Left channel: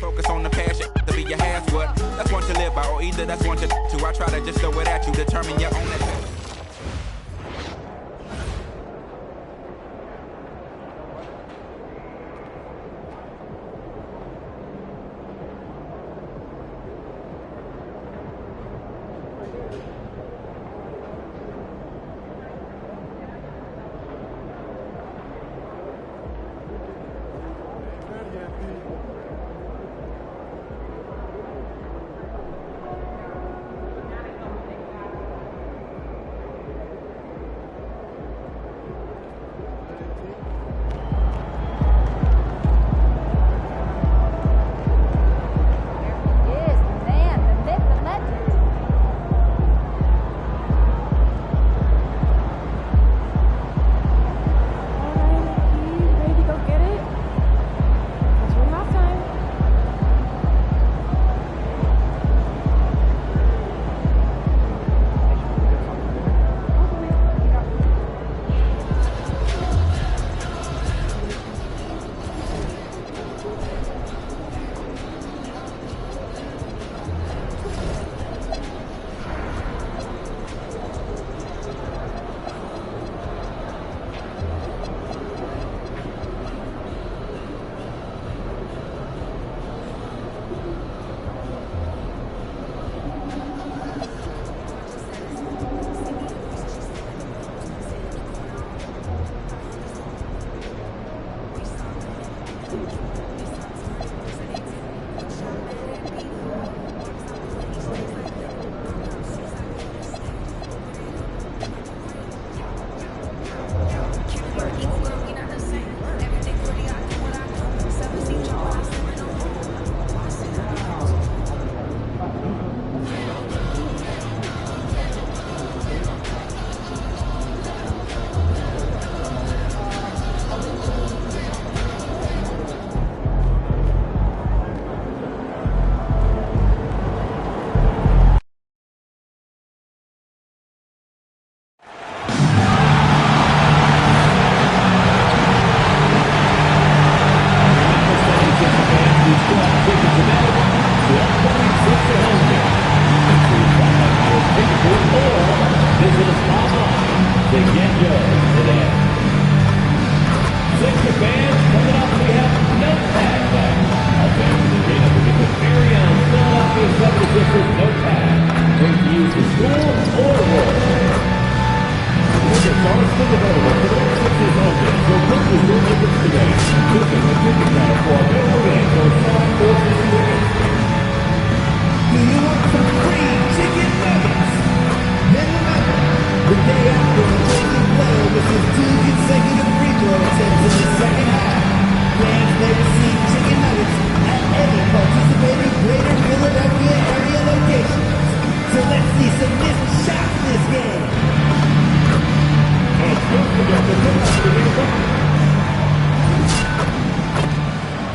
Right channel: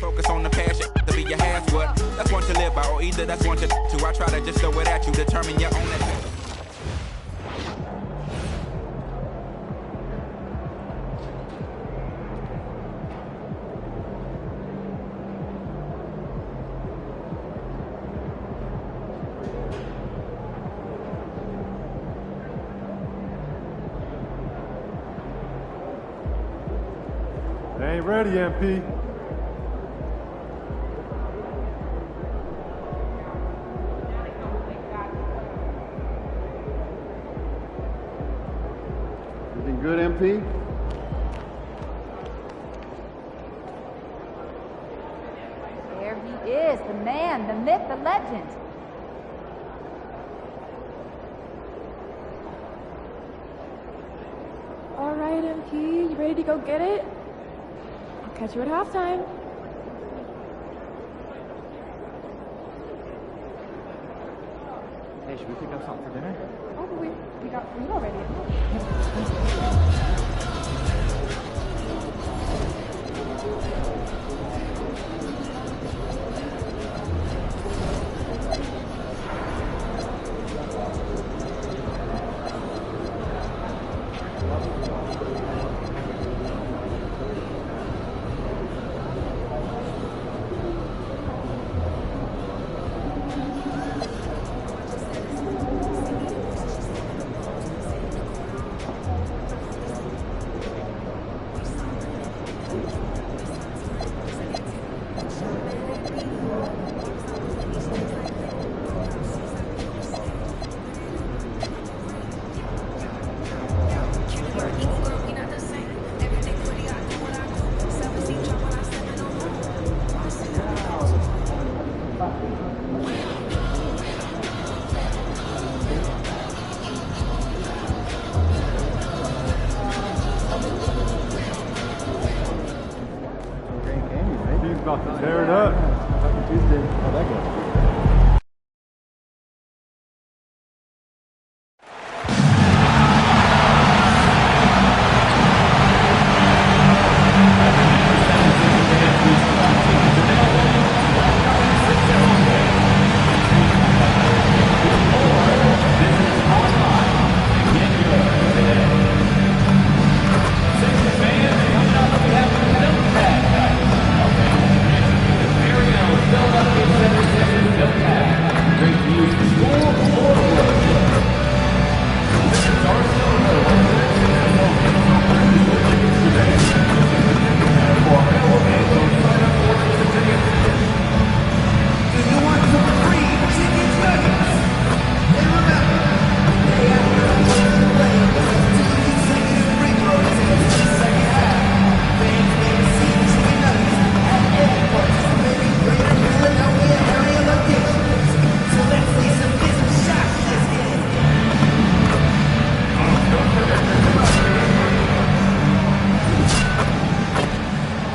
Focus on the passion to be your half what. That's one to live by, or either that's one to two. I try to just throw it at you, determine your own advantage. Ain't ready, MP. Looking good, MP. There he is, the man, the myth, the legend. All right, MP, you ready to go get it? Catch you at halftime. Hey, should we pick up something for dinner? Oh, but we got food already. He's about to tear it up.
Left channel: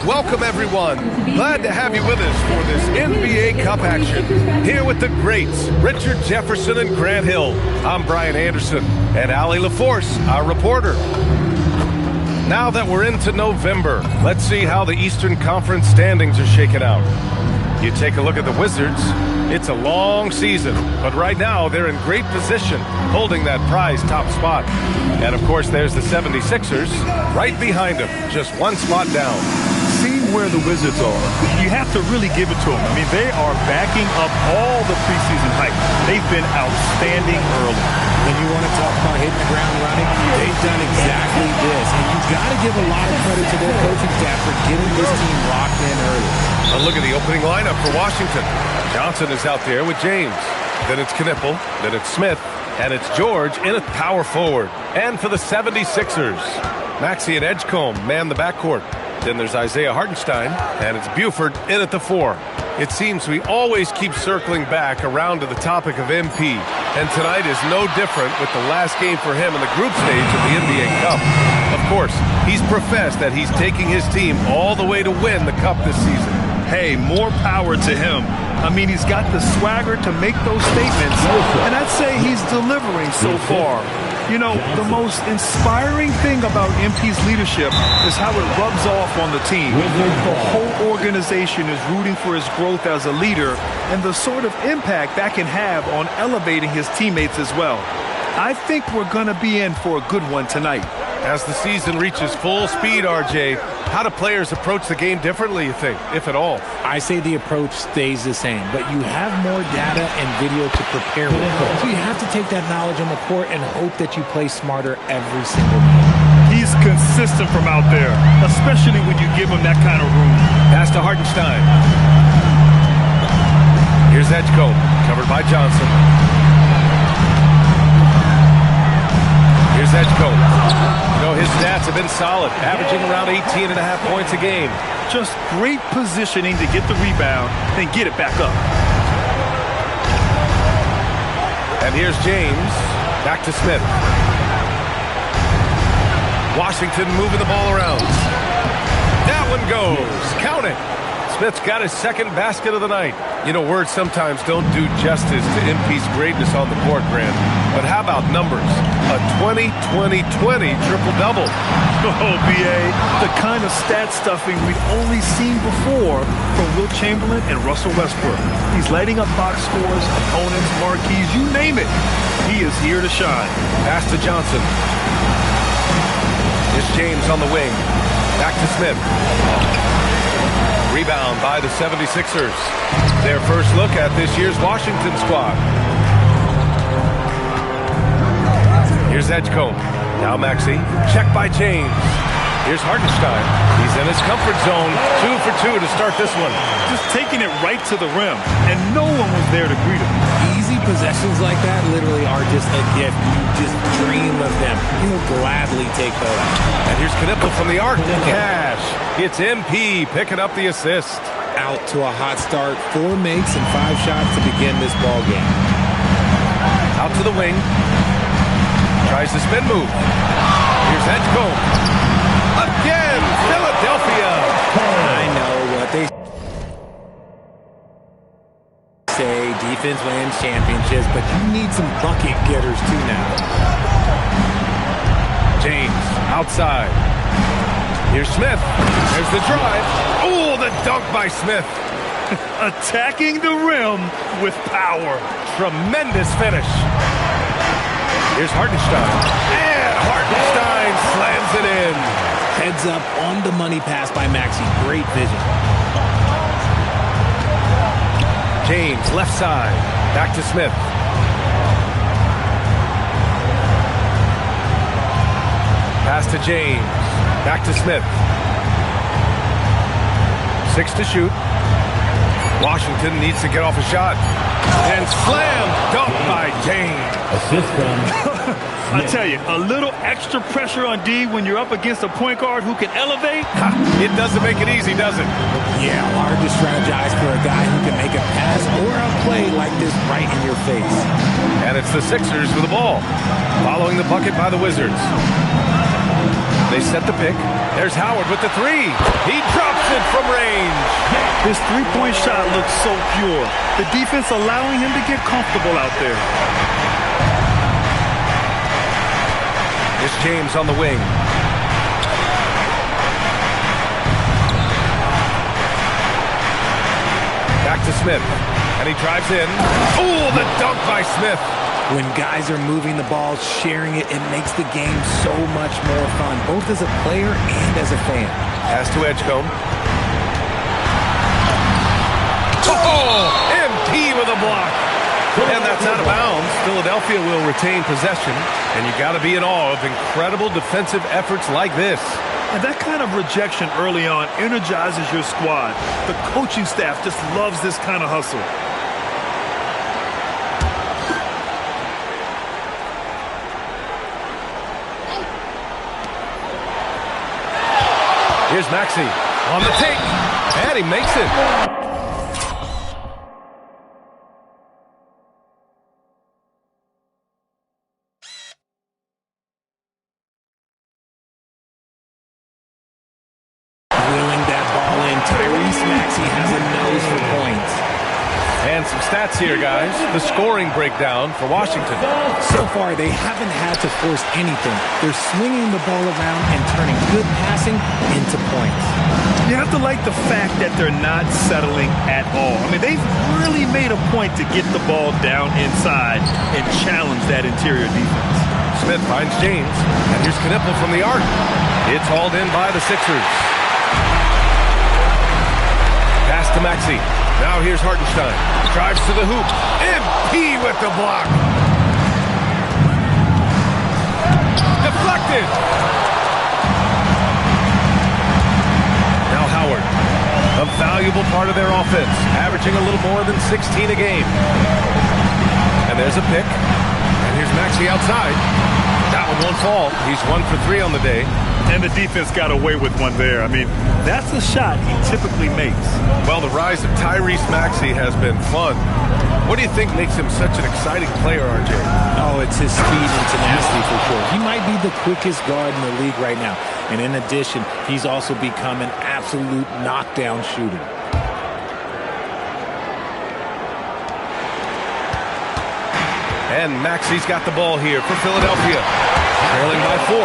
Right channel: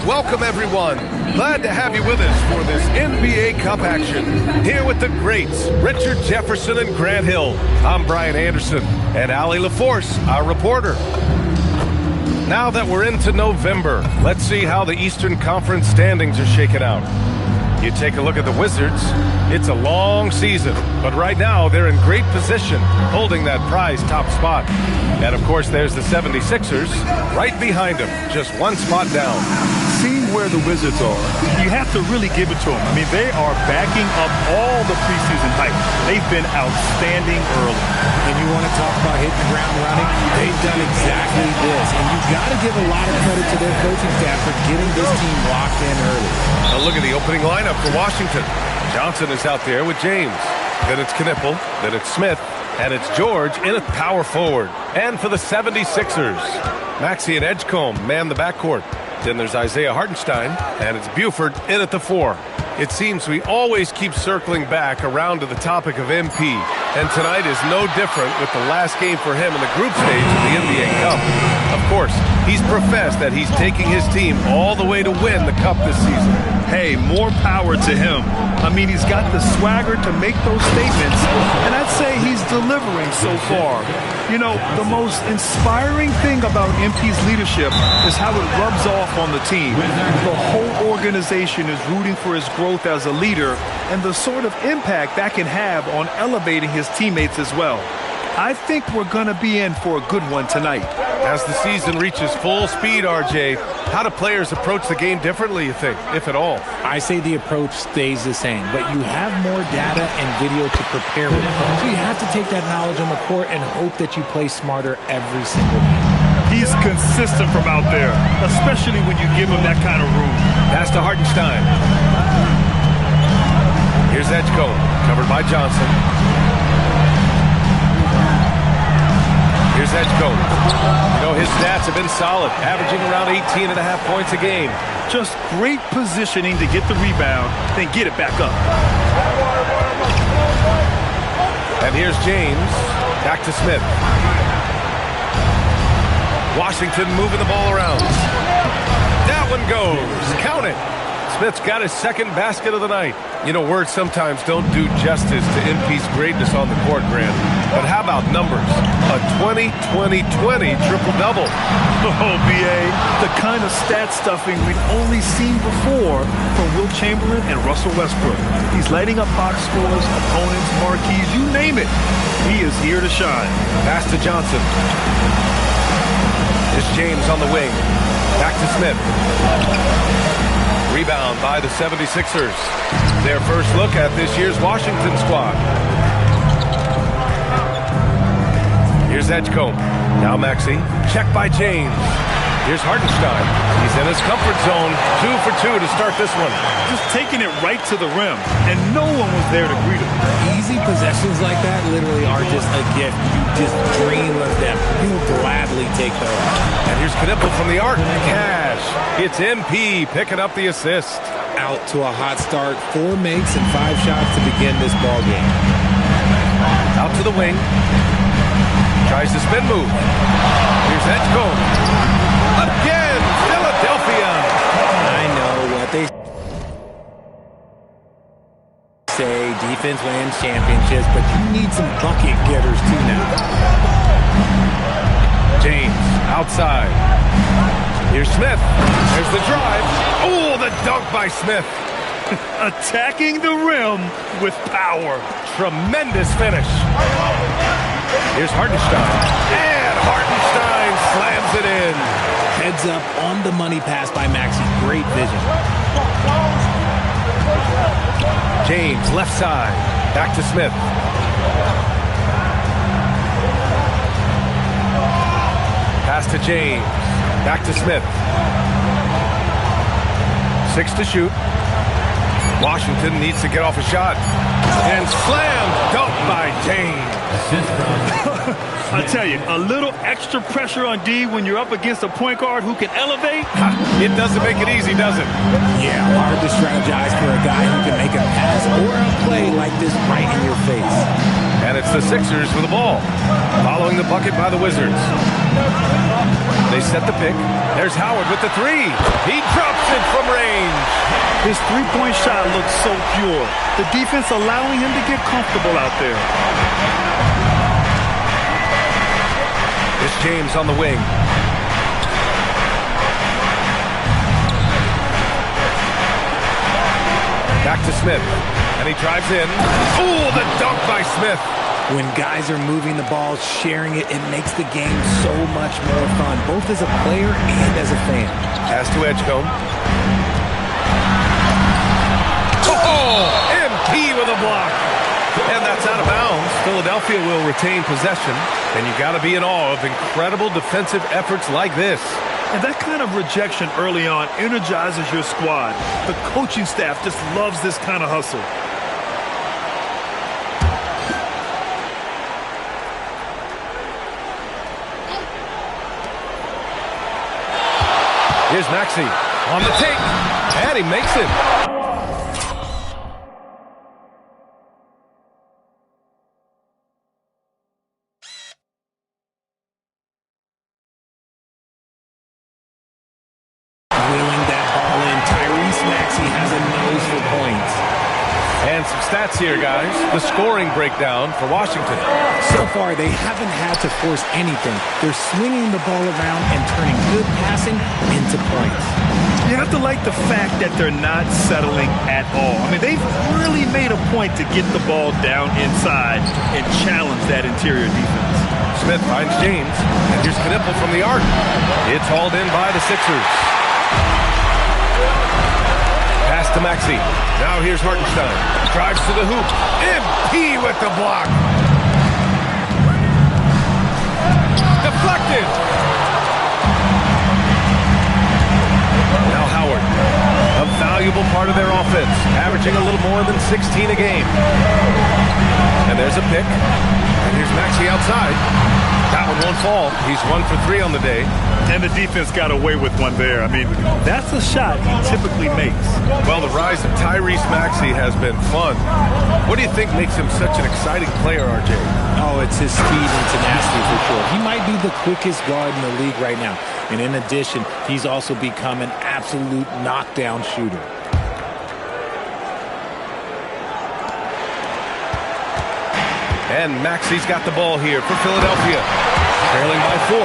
Welcome, everyone. Glad to have you with us for this NBA Cup action. Here with the greats, Richard Jefferson and Grant Hill. I'm Brian Anderson, and Allie LaForce, our reporter. Now that we're into November, let's see how the Eastern Conference standings are shaking out. You take a look at the Wizards, it's a long season, but right now they're in great position, holding that prize top spot. And of course, there's the 76ers right behind them, just one spot down. Seeing where the Wizards are, you have to really give it to them. I mean, they are backing up all the preseason hype. They've been outstanding early. And you want to talk about hitting the ground running? They've done exactly this. And you've got to give a lot of credit to their coaching staff for getting this team locked in early. A look at the opening lineup for Washington. Johnson is out there with James. Then it's Knipple. Then it's Smith. And it's George in at power forward. And for the 76ers, Maxey and Edgecombe man the backcourt. Then there's Isaiah Hartenstein, and it's Buford in at the 4. It seems we always keep circling back around to the topic of MP, and tonight is no different with the last game for him in the group stage of the NBA Cup. Of course, he's professed that he's taking his team all the way to win the Cup this season. Hey, more power to him. I mean, he's got the swagger to make those statements, and I'd say he's delivering so far. You know, the most inspiring thing about MP's leadership is how it rubs off on the team. The whole organization is rooting for his growth as a leader and the sort of impact that can have on elevating his teammates as well. I think we're going to be in for a good one tonight. As the season reaches full speed, RJ, how do players approach the game differently, you think, if at all? I say the approach stays the same, but you have more data and video to prepare with. So you have to take that knowledge on the court and hope that you play smarter every single night. He's consistent from out there, especially when you give him that kind of room. Pass to Hartenstein. Here's Edgecombe, covered by Johnson. Here's Edgecombe. You know, his stats have been solid, averaging around 18.5 points a game. Just great positioning to get the rebound, then get it back up. And here's James. Back to Smith. Washington moving the ball around. That one goes. Count it. Smith's got his second basket of the night. You know, words sometimes don't do justice to MP's greatness on the court, Grant. But how about numbers? A 20-20-20 triple-double. Oh, B.A., the kind of stat stuffing we'd only seen before from Wilt Chamberlain and Russell Westbrook. He's lighting up box scores, opponents, marquees, you name it. He is here to shine. Pass to Johnson. Here's James on the wing. Back to Smith. Rebound by the 76ers. Their first look at this year's Washington squad. Here's Edgecombe. Now Maxey. Check by James. Here's Hartenstein. He's in his comfort zone. 2 for 2 to start this one. Just taking it right to the rim, and no one was there to greet him. Easy possessions like that literally are just a gift. You just dream of them. He'll gladly take those. And here's Knipple from the arc. Cash. It's MP picking up the assist. Out to a hot start. 4 makes and 5 shots to begin this ball game. Out to the wing. Tries the spin move. Here's Edgecombe. Again, Philadelphia. I know what they say, defense wins championships, but you need some bucket getters too now. James, outside. Here's Smith. There's the drive. Oh, the dunk by Smith. Attacking the rim with power. Tremendous finish. Here's Hartenstein. And Hartenstein slams it in. Heads up on the money pass by Maxey. Great vision. James, left side. Back to Smith. Pass to James. Back to Smith. 6 to shoot. Washington needs to get off a shot. And slam dunk by James. I tell you, a little extra pressure on D when you're up against a point guard who can elevate. It doesn't make it easy, does it? Yeah, hard to strategize for a guy who can make a pass or a play like this right in your face. And it's the Sixers with the ball, following the bucket by the Wizards. They set the pick. There's Howard with the 3. He drops it from range. His three-point shot looks so pure. The defense allowing him to get comfortable out there. It's James on the wing. Back to Smith. And he drives in. Oh, the dunk by Smith. When guys are moving the ball, sharing it, it makes the game so much more fun, both as a player and as a fan. Pass to Edgecombe. Oh, MP with a block. And that's out of bounds. Philadelphia will retain possession. And you got to be in awe of incredible defensive efforts like this. And that kind of rejection early on energizes your squad. The coaching staff just loves this kind of hustle. Here's Maxey on the take, and he makes it. Wheeling that ball in, Tyrese Maxey has a nose for points. And some stats here, guys. The scoring breakdown for Washington. So far, they haven't had to force anything. They're swinging the ball around and turning good passing into points. You have to like the fact that they're not settling at all. I mean, they've really made a point to get the ball down inside and challenge that interior defense. Smith finds James, and here's Knipple from the arc. It's hauled in by the Sixers. Pass to Maxey. Now here's Hartenstein. Drives to the hoop. MP with the block. Deflected. Now Howard. A valuable part of their offense. Averaging a little more than 16 a game. And there's a pick. And here's Maxey outside. That one won't fall. He's 1 for 3 on the day. And the defense got away with one there. I mean, that's a shot he typically makes. Well, the rise of Tyrese Maxey has been fun. What do you think makes him such an exciting player, RJ? Oh, it's his speed and tenacity for sure. He might be the quickest guard in the league right now. And in addition, he's also become an absolute knockdown shooter. And Maxey's got the ball here for Philadelphia. Trailing by 4.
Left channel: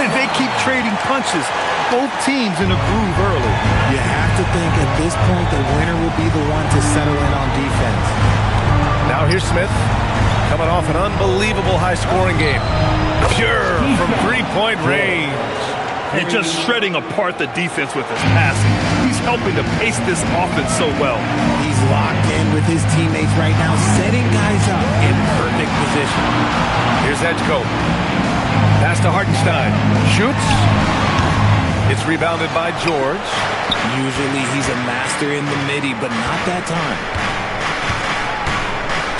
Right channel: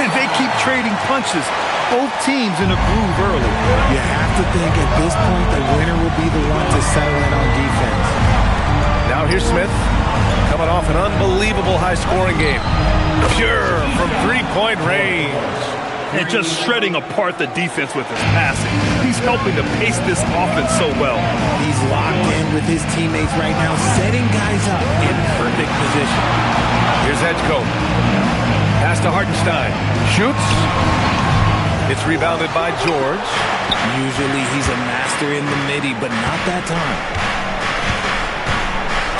And they keep trading punches. Both teams in a groove early. You have to think at this point the winner will be the one to settle in on defense. Now here's Smith. Coming off an unbelievable high-scoring game. Pure from three-point range. And just shredding apart the defense with his passing. He's helping to pace this offense so well. He's locked in with his teammates right now, setting guys up in perfect position. Here's Edgecombe. Pass to Hartenstein. Shoots. It's rebounded by George. Usually he's a master in the midi, but not that time.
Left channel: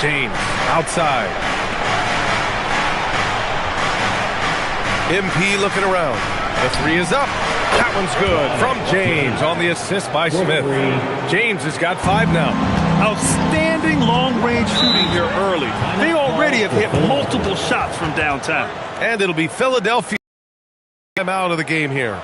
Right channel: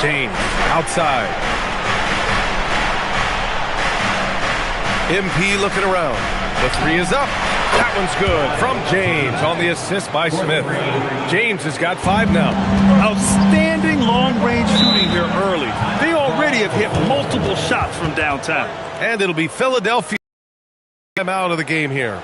James outside. MP looking around. The 3 is up. That one's good from James on the assist by Smith. James has got 5 now. Outstanding long-range shooting here early. They already have hit multiple shots from downtown. And it'll be Philadelphia out of the game here.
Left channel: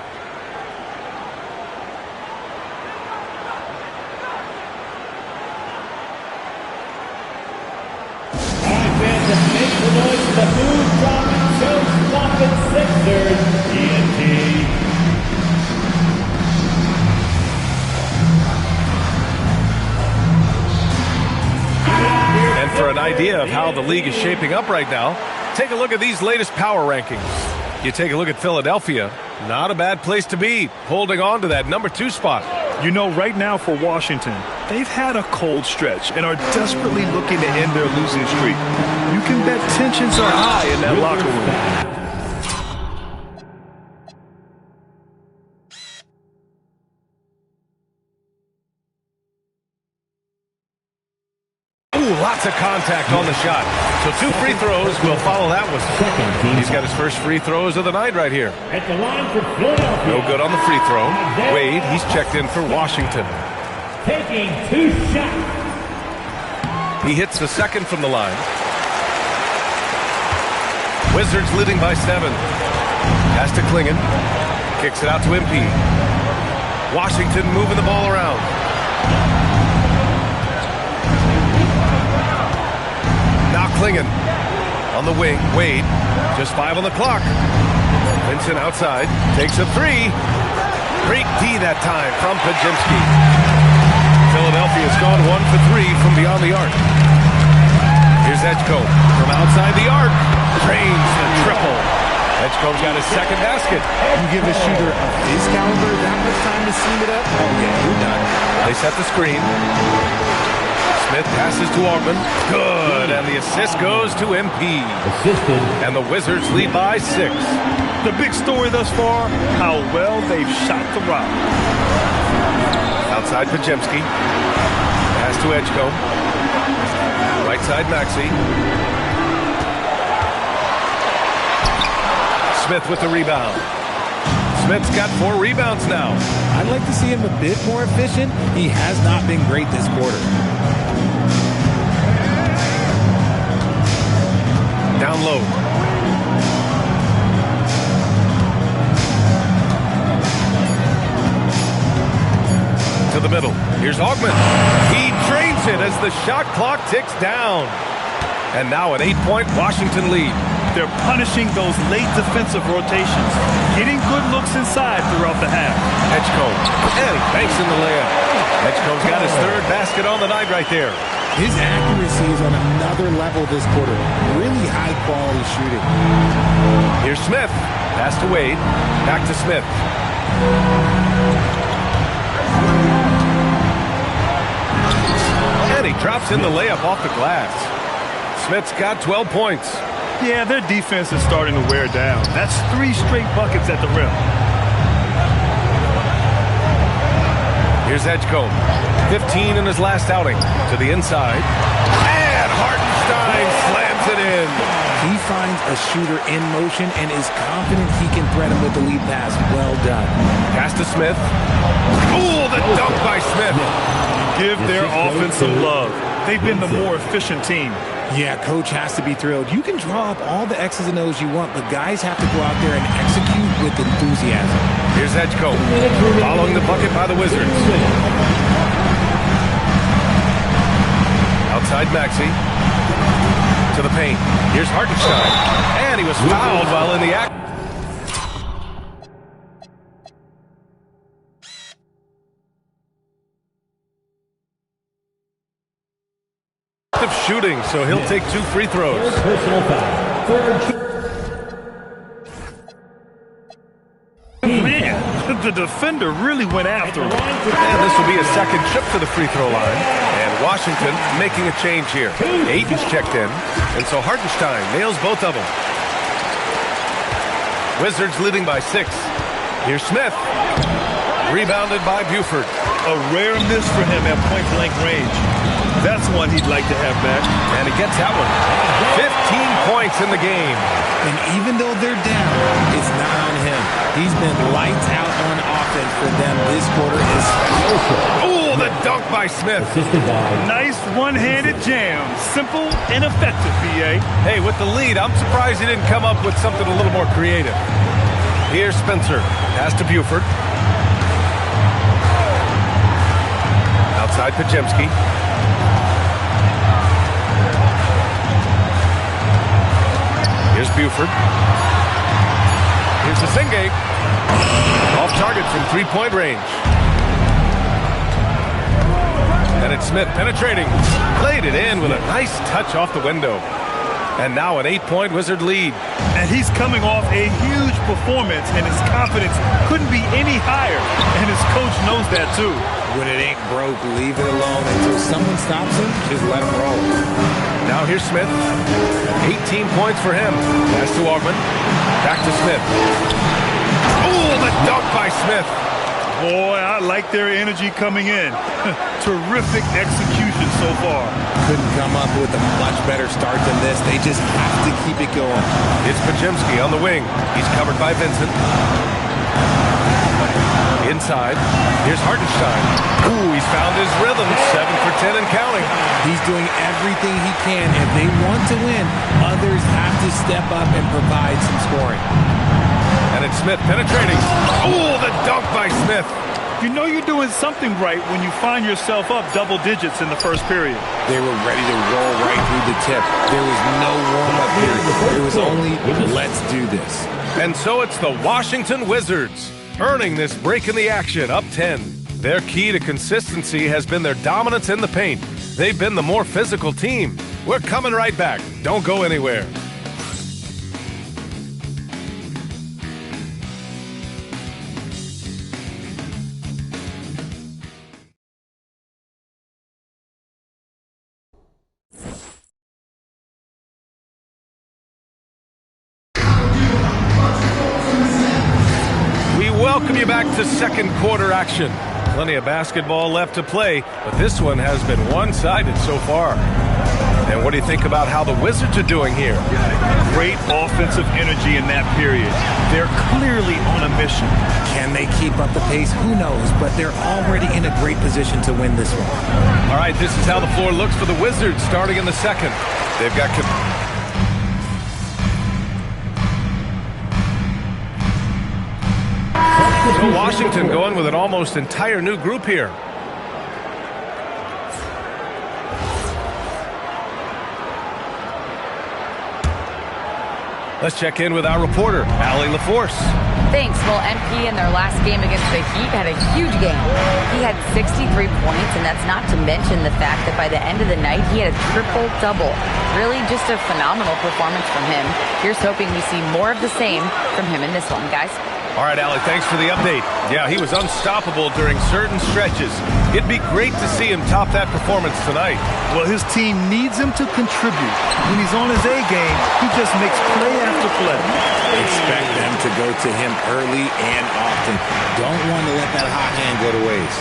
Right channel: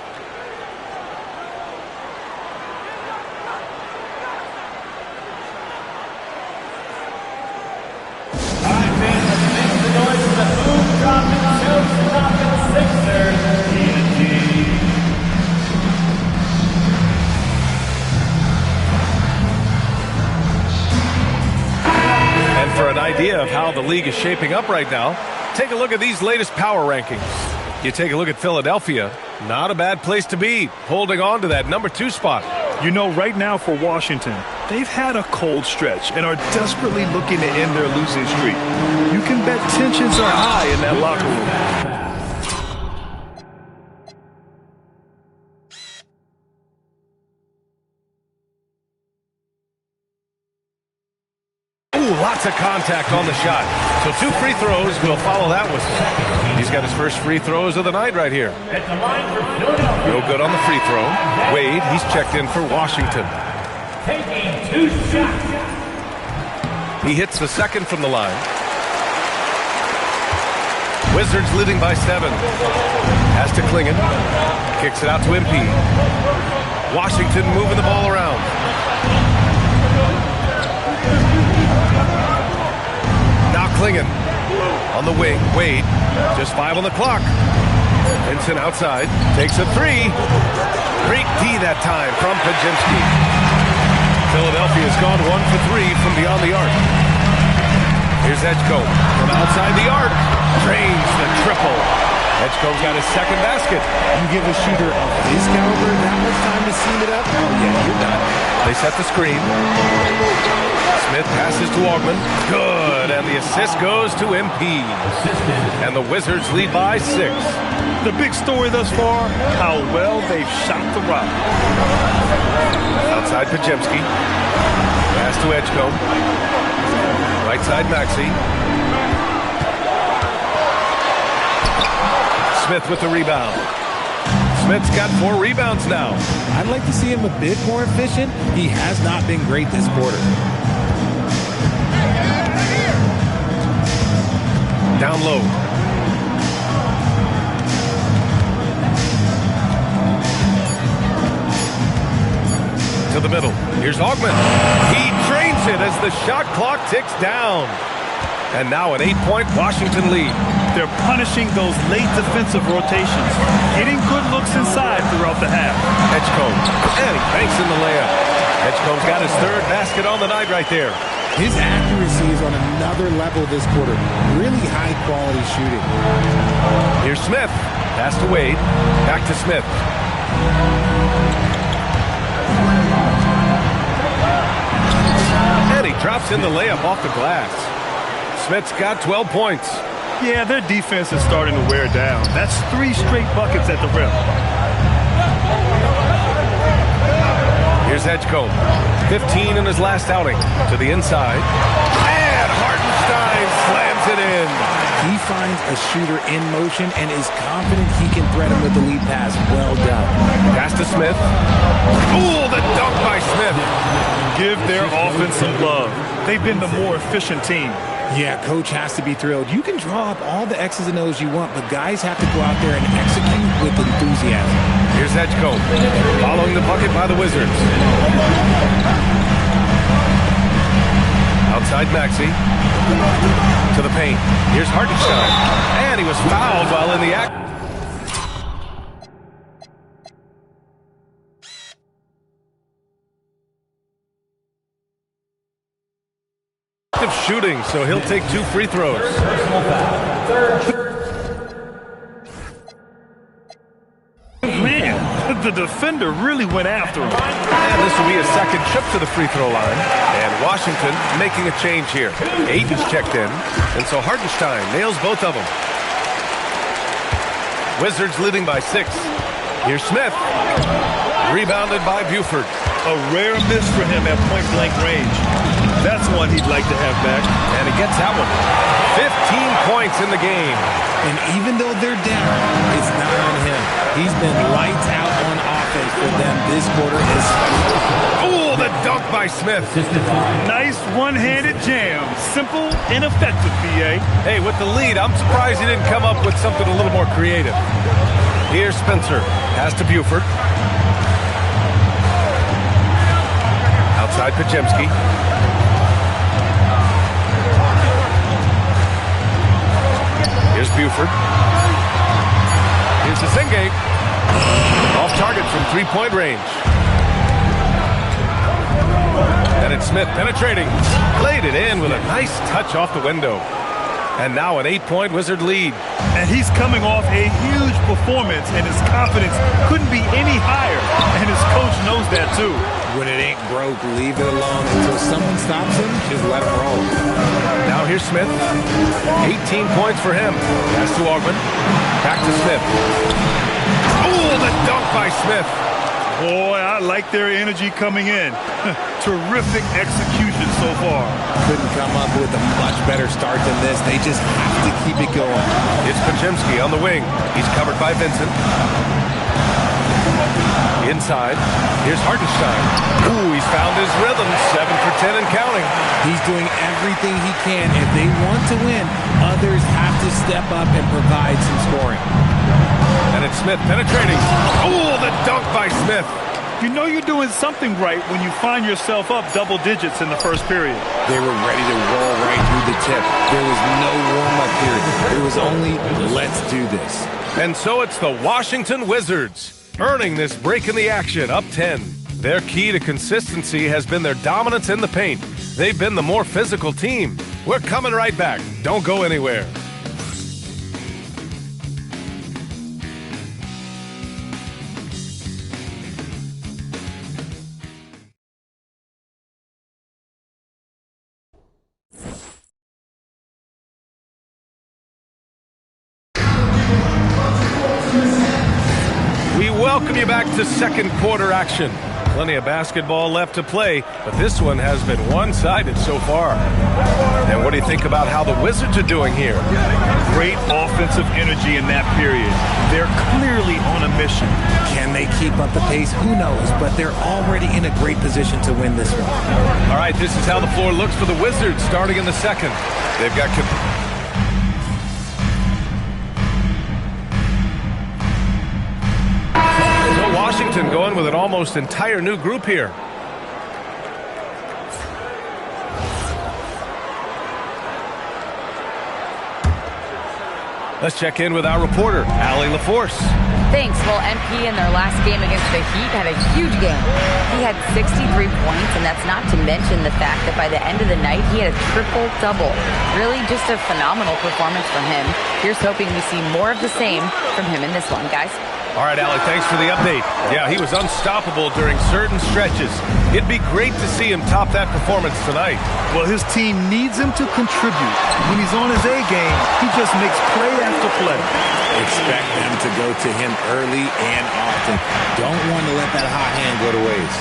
And for an idea of how the league is shaping up right now, take a look at these latest power rankings. You take a look at Philadelphia, not a bad place to be, holding on to that number 2 spot. You know, right now for Washington, they've had a cold stretch and are desperately looking to end their losing streak. You can bet tensions are high in that locker room. Ooh, lots of contact on the shot. So 2 free throws will follow that whistle. He's got his first free throws of the night right here. No good on the free throw. Wade, he's checked in for Washington. Taking 2 shots. He hits the second from the line. Wizards leading by 7. Pass to Klingon. Kicks it out to MP. Washington moving the ball around. Now Klingon on the wing. Wade, just 5 on the clock. Vincent outside, takes a 3. Great D that time from Podziemski. Philadelphia's gone 1 for 3 from beyond the arc. Here's Edgecombe from outside the arc. Drains the triple. Edgecombe's got his second basket. You give a shooter of his caliber that much time to seam it up? Oh, yeah, you're done. They set the screen. Smith passes to Augman. Good, and the assist goes to MP. And the Wizards lead by 6. The big story thus far, how well they've shot the rock. Outside Podziemski. Pass to Edgecombe. Right side Maxey. Smith with the rebound. Smith's got 4 rebounds now. I'd like to see him a bit more efficient. He has not been great this quarter. Down low. To the middle. Here's Augman. He drains it as the shot clock ticks down. And now an 8-point Washington lead. They're punishing those late defensive rotations, getting good looks inside throughout the half. Edgecombe, and he banks in the layup. Edgecombe's got his third basket on the night right there. His accuracy is on another level this quarter. Really high-quality shooting. Here's Smith. Pass to Wade. Back to Smith. And he drops in the layup off the glass. Smith's got 12 points. Yeah, their defense is starting to wear down. That's 3 straight buckets at the rim. Here's Edgecombe. 15 in his last outing. To the inside. And Hartenstein slams it in. He finds a shooter in motion and is confident he can thread him with the lead pass. Well done. Pass to Smith. Ooh, the dunk by Smith. Give their offense some love. They've been the more efficient team. Yeah, coach has to be thrilled. You can draw up all the X's and O's you want, but guys have to go out there and execute with enthusiasm. Here's Edgecombe, following the bucket by the Wizards. Outside Maxey. To the paint. Here's Hartenstein. And he was fouled while in the act. Of shooting, so he'll take 2 free throws. Personal foul. Third. Man, the defender really went after him. And this will be a second trip to the free throw line. And Washington making a change here. Aiton's checked in, and so Hartenstein nails both of them. Wizards leading by 6. Here's Smith. Rebounded by Buford. A rare miss for him at point-blank range. That's one he'd like to have back. And he gets that one. 15 points in the game. And even though they're down, it's not on him. He's been lights out on offense for them this quarter especially. Ooh, the dunk by Smith. Nice one-handed jam. Simple and effective, B.A. Hey, with the lead, I'm surprised he didn't come up with something a little more creative. Here's Spencer. Pass to Buford. Outside Podziemski. Here's Buford. Here's Zinge. Off target from 3-point range. And it's Smith penetrating. Played it in with a nice touch off the window. And now an 8-point Wizard lead. And he's coming off a huge performance, and his confidence couldn't be any higher. And his coach knows that, too. When it ain't broke, leave it alone until someone stops him. Just let him roll. Now here's Smith. 18 points for him. Pass to Augman. Back to Smith. Ooh, the dunk by Smith. Boy, I like their energy coming in. Terrific execution so far. Couldn't come up with a much better start than this. They just have to keep it going. It's Podziemski on the wing. He's covered by Vincent. Inside, here's Hartenstein. Ooh, he's found his rhythm. 7 for 10 and counting. He's doing everything he can. If they want to win, others have to step up and provide some scoring. And it's Smith penetrating. Ooh, the dunk by Smith. You know you're doing something right when you find yourself up double digits in the first period. They were ready to roll right through the tip. There was no warm-up period. There was only, let's do this. And so it's the Washington Wizards, earning this break in the action, up 10. Their key to consistency has been their dominance in the paint. They've been the more physical team. We're coming right back. Don't go anywhere. We welcome you back to second quarter action. Plenty of basketball left to play, but this one has been one-sided so far. And what do you think about how the Wizards are doing here? Great offensive energy in that period. They're clearly on a mission. Can they keep up the pace? Who knows, but they're already in a great position to win this one. All right, this is how the floor looks for the Wizards starting in the second. They've got... So Washington going with an almost entire new group here. Let's check in with our reporter, Allie LaForce. Thanks. Well, MP in their last game against the Heat had a huge game. He had 63 points, and that's not to mention the fact that by the end of the night, he had a triple-double. Really just a phenomenal performance from him. Here's hoping we see more of the same from him in this one, guys. All right, Allie, thanks for the update. Yeah, he was unstoppable during certain stretches. It'd be great to see him top that performance tonight. Well, his team needs him to contribute. When he's on his A game, he just makes play after play. Expect them to go to him early and often. Don't want to let that hot hand go to waste.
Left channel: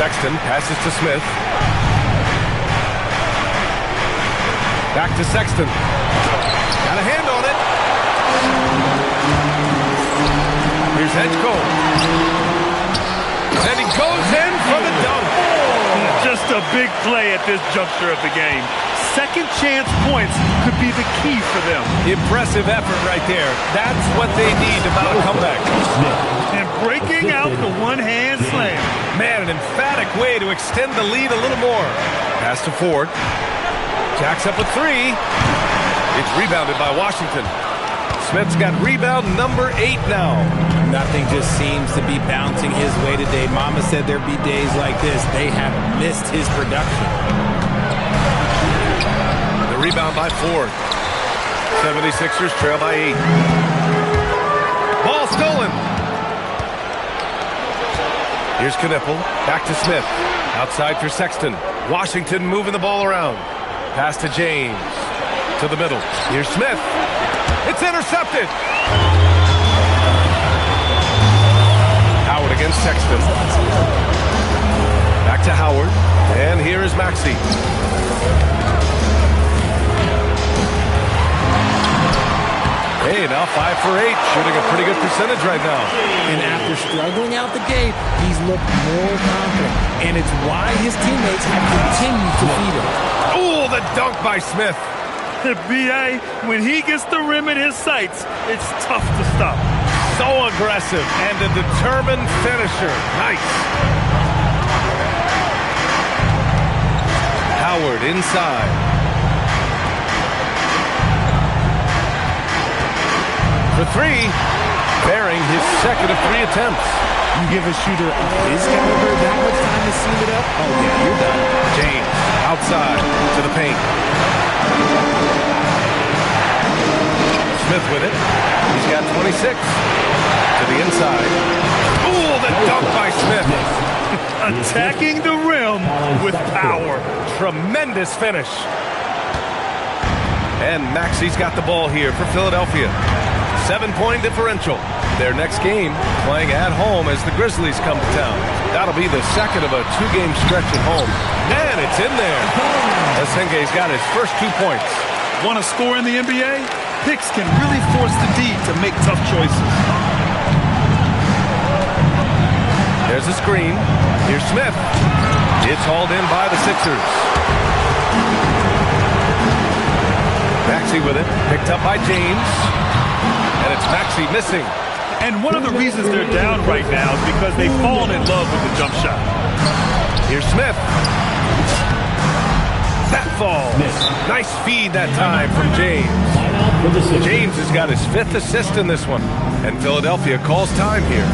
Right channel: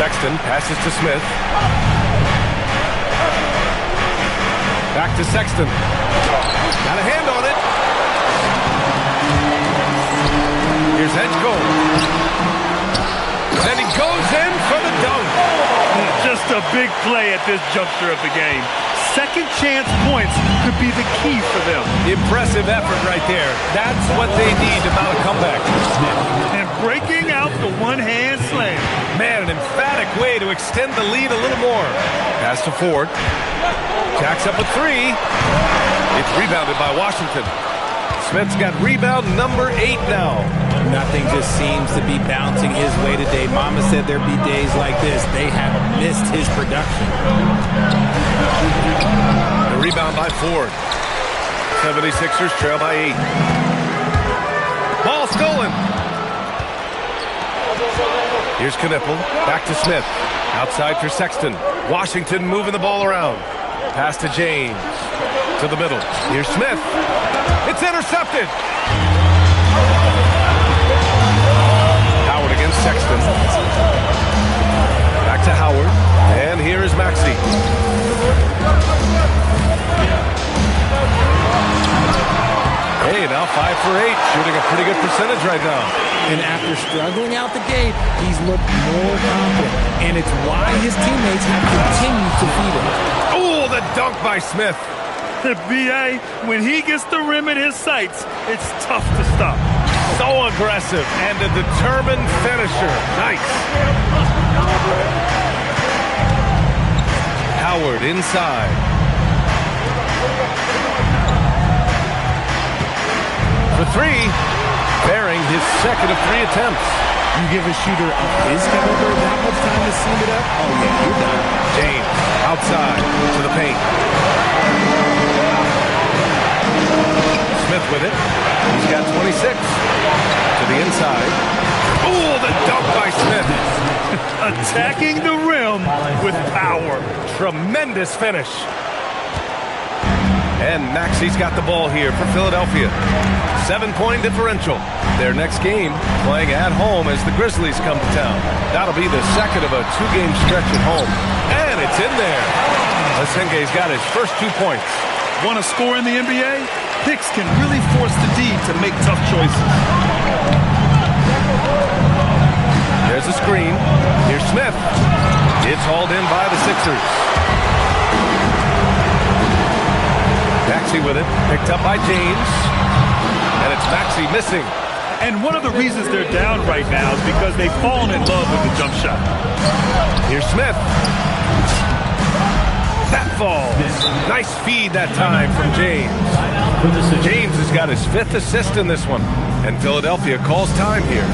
Sexton passes to Smith. Back to Sexton. Got a hand on it. Here's Edgecombe. And he goes in for the dunk. Just a big play at this juncture of the game. Second chance points could be the key for them. Impressive effort right there. That's what they need to mount a comeback. And breaking out the one-hand slam. Man, an emphatic way to extend the lead a little more. Pass to Ford. Jacks up a three. It's rebounded by Washington. Smith's got rebound number 8 now. Nothing just seems to be bouncing his way today. Mama said there'd be days like this. They have missed his production. The rebound by Ford. 76ers trail by 8. Ball stolen. Here's Knipple. Back to Smith. Outside for Sexton. Washington moving the ball around. Pass to James. To the middle. Here's Smith. It's intercepted. Howard against Sexton. Back to Howard. And here is Maxey. Hey, now 5 for 8. Shooting a pretty good percentage right now. And after struggling out the gate, he's looked more confident. And it's why his teammates have continued to feed him. Oh, the dunk by Smith. The B.A., when he gets the rim in his sights, it's tough to stop. So aggressive and a determined finisher. Nice. Howard inside. For 3, bearing his second of 3 attempts. You give a shooter of his caliber that much time to seam it up? Oh, yeah, you're done. James outside to the paint. Smith with it. He's got 26. To the inside. Oh, the dunk by Smith. Attacking the rim with power. Tremendous finish. And Maxey's got the ball here for Philadelphia. 7-point differential. Their next game playing at home as the Grizzlies come to town. That'll be the second of a 2-game stretch at home. And it's in there. Asenge's got his first 2 points. Want to score in the NBA? Picks can really force the D to make tough choices. There's a screen. Here's Smith. It's hauled in by the Sixers. Maxey with it. Picked up by James. And it's Maxey missing. And one of the reasons they're down right now is because they've fallen in love with the jump shot. Here's Smith. That falls. Nice feed that time from James. James has got his 5th assist in this one. And Philadelphia calls time here.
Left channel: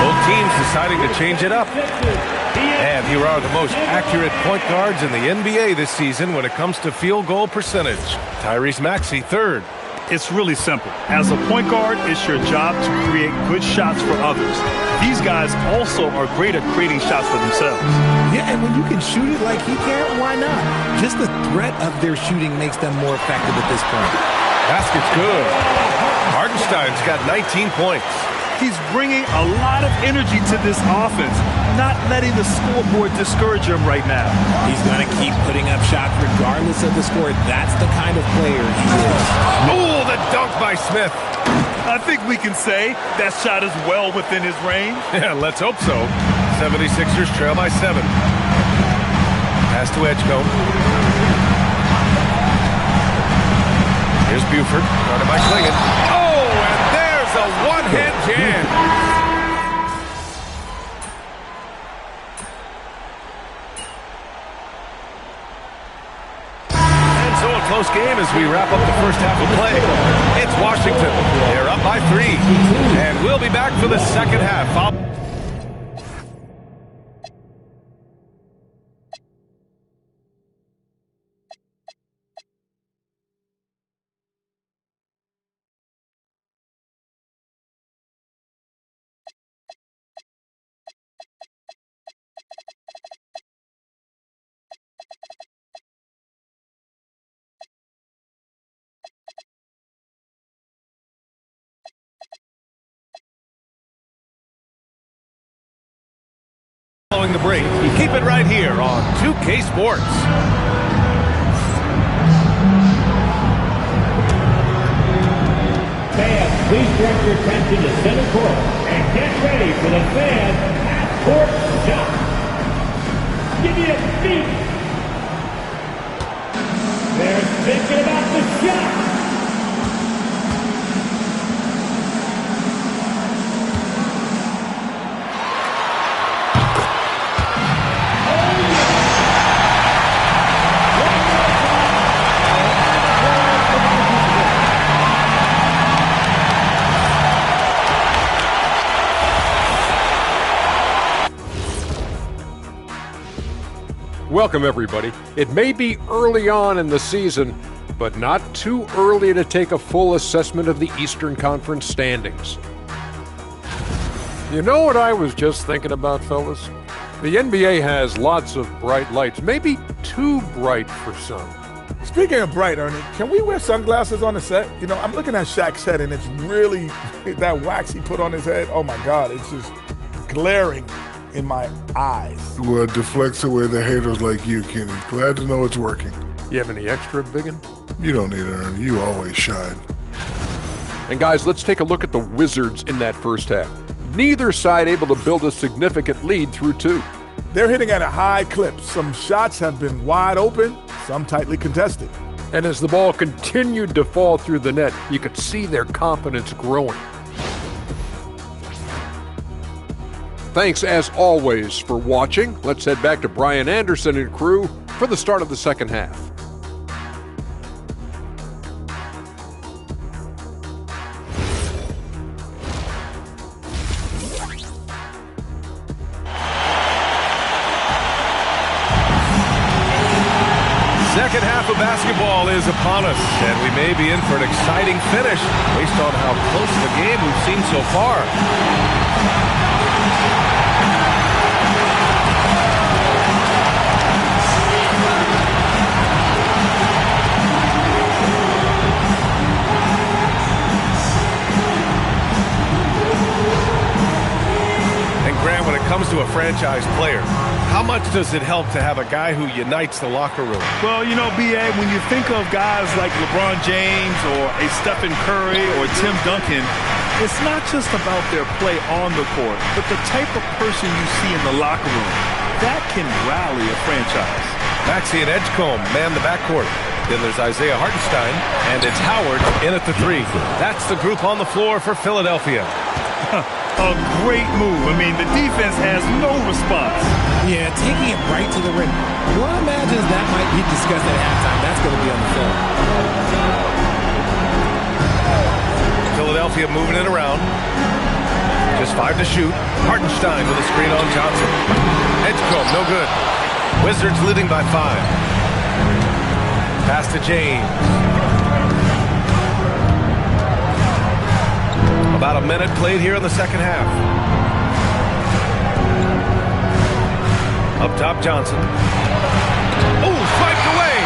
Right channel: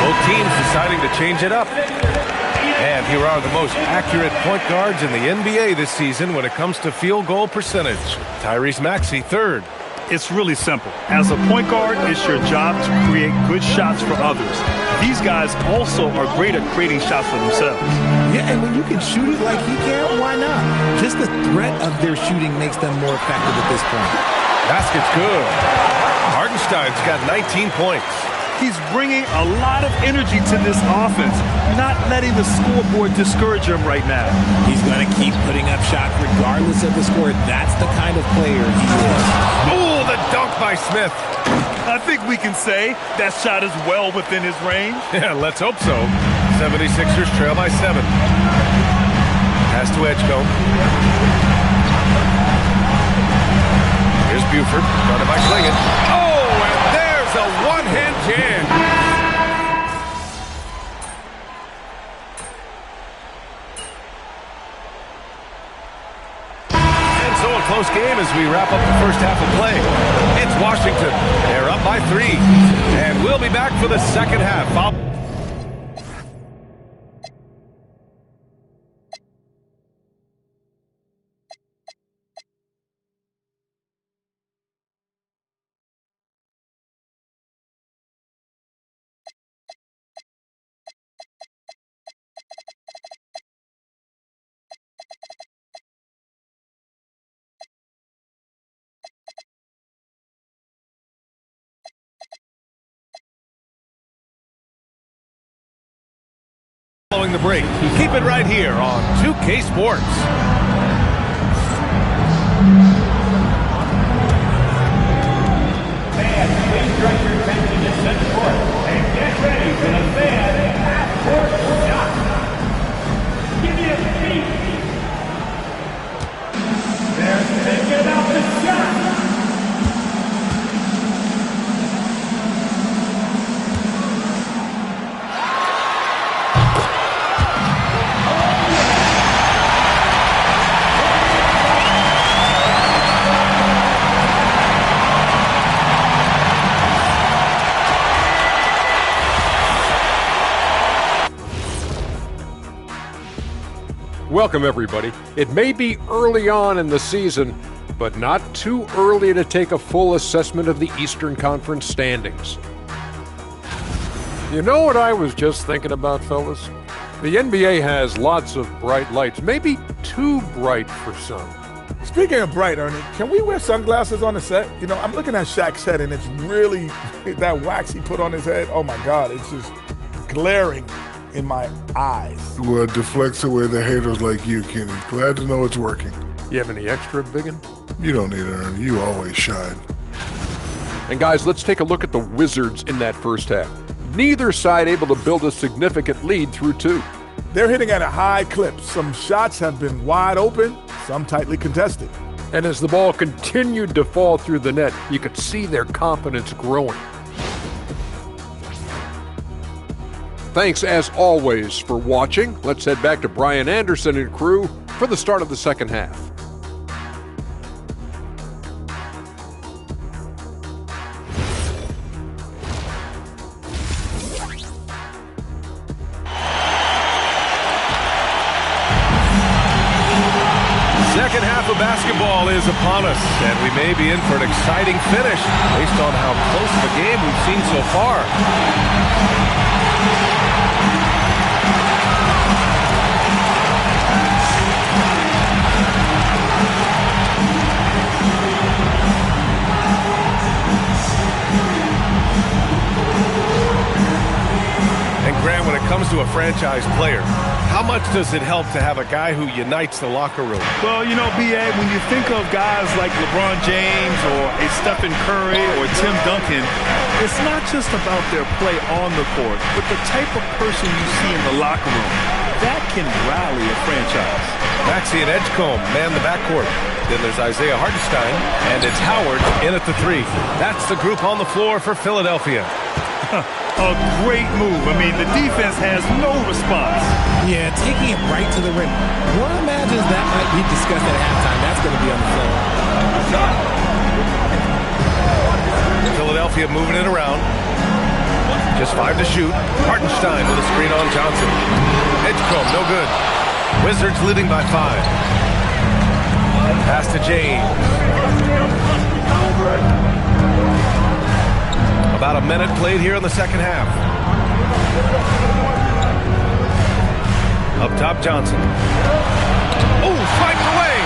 Both teams deciding to change it up. And here are the most accurate point guards in the NBA this season when it comes to field goal percentage. Tyrese Maxey, 3rd. It's really simple. As a point guard, it's your job to create good shots for others. These guys also are great at creating shots for themselves. Yeah, and when you can shoot it like he can, why not? Just the threat of their shooting makes them more effective at this point. Basket's good. Hartenstein's got 19 points. He's bringing a lot of energy to this offense, not letting the scoreboard discourage him right now. He's going to keep putting up shots regardless of the score. That's the kind of player he is. Oh, the dunk by Smith. I think we can say that shot is well within his range. Yeah, let's hope so. 76ers trail by 7. Pass to Edgecombe. Here's Buford, guarded by Clingan. Oh, and there's a one-hand jam. So a close game as we wrap up the first half of play. It's Washington. They're up by 3. And we'll be back for the second half. Following the break, keep it right here on 2K Sports. Fans, please direct your attention to center court and get ready for the fan half-court shot. Give me a beat. They're thinking about the shot. Welcome, everybody. It may be early on in the season, but not too early to take a full assessment of the Eastern Conference standings. You know what I was just thinking about, fellas? The NBA has lots of bright lights, maybe too bright for some. Speaking of bright, Ernie, can we wear sunglasses on the set? You know, I'm looking at Shaq's head, and it's really that wax he put on his head. Oh, my God, it's just glaring in my eyes. Well, it deflects away the haters like you, Kenny. Glad to know it's working. You have any extra, biggin? You don't need it, Ernie. You always shine. And guys, let's take a look at the Wizards in that first half. Neither side able to build a significant lead through 2. They're hitting at a high clip. Some shots have been wide open, some tightly contested. And as the ball continued to fall through the net, you could see their confidence growing. Thanks, as always, for watching. Let's head back to Brian Anderson and crew for the start of the second half. Second half of basketball is upon us, and we may be in for an exciting finish based on how close of a game we've seen so far. Graham, when it comes to a franchise player, how much does it help to have a guy who unites the locker room? Well, you know, B.A., when you think of guys like LeBron James or a Stephen Curry or Tim Duncan, it's not just about their play on the court, but the type of person you see in the locker room. That can rally a franchise. Maxey and Edgecombe man the backcourt. Then there's Isaiah Hartenstein, and it's Howard in at the 3. That's the group on the floor for Philadelphia. A great move. I mean, the defense has no response. Yeah, taking it right to the rim. One imagines that might be discussed at halftime. That's going to be on the film. Philadelphia moving it around. Just 5 to shoot. Hartenstein with a screen on Johnson. Edgecombe, no good. Wizards leading by 5. Pass to James. About a minute played here in the second half. Up top, Johnson. Oh, swiped away.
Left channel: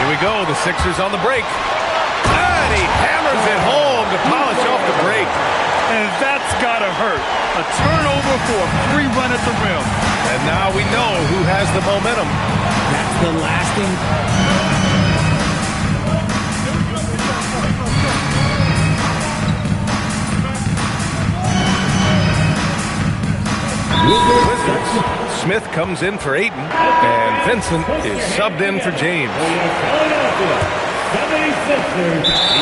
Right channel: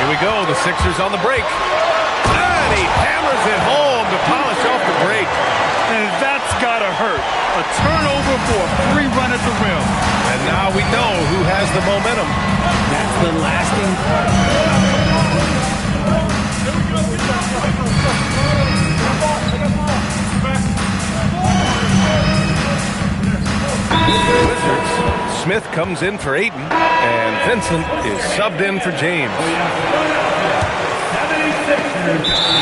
Here we go. The Sixers on the break. And he hammers it home to polish off the break. And that's got to hurt. A turnover for a free run at the rim. And now we know who has the momentum. That's the lasting. Wizards. Smith comes in for Ayton, and Vincent is subbed in for James.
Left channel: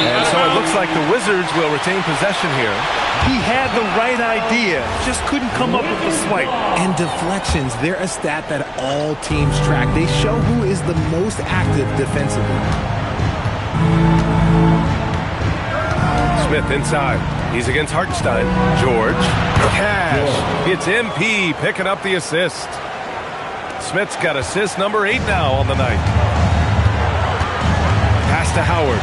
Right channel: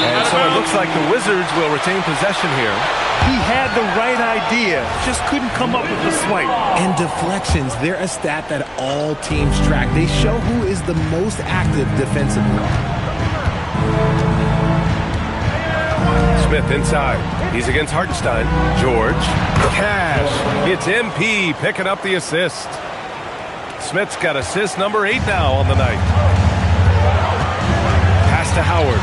And so it looks like the Wizards will retain possession here. He had the right idea, just couldn't come up with the swipe. And deflections, they're a stat that all teams track. They show who is the most active defensively. Smith inside. He's against Hartenstein. George. Cash. It's MP picking up the assist. Smith's got assist number 8 now on the night. Pass to Howard.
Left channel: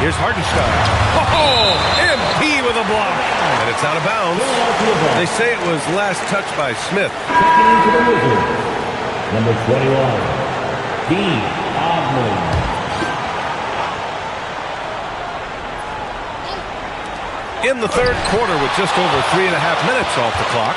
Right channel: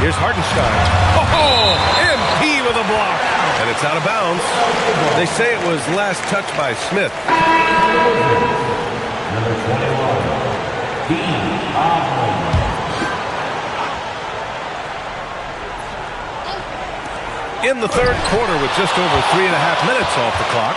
Here's Hartenstein. Oh, MP with a block. And it's out of bounds. They say it was last touched by Smith. Number 21, Dean Ogman. In the third quarter with just over 3.5 minutes off the clock.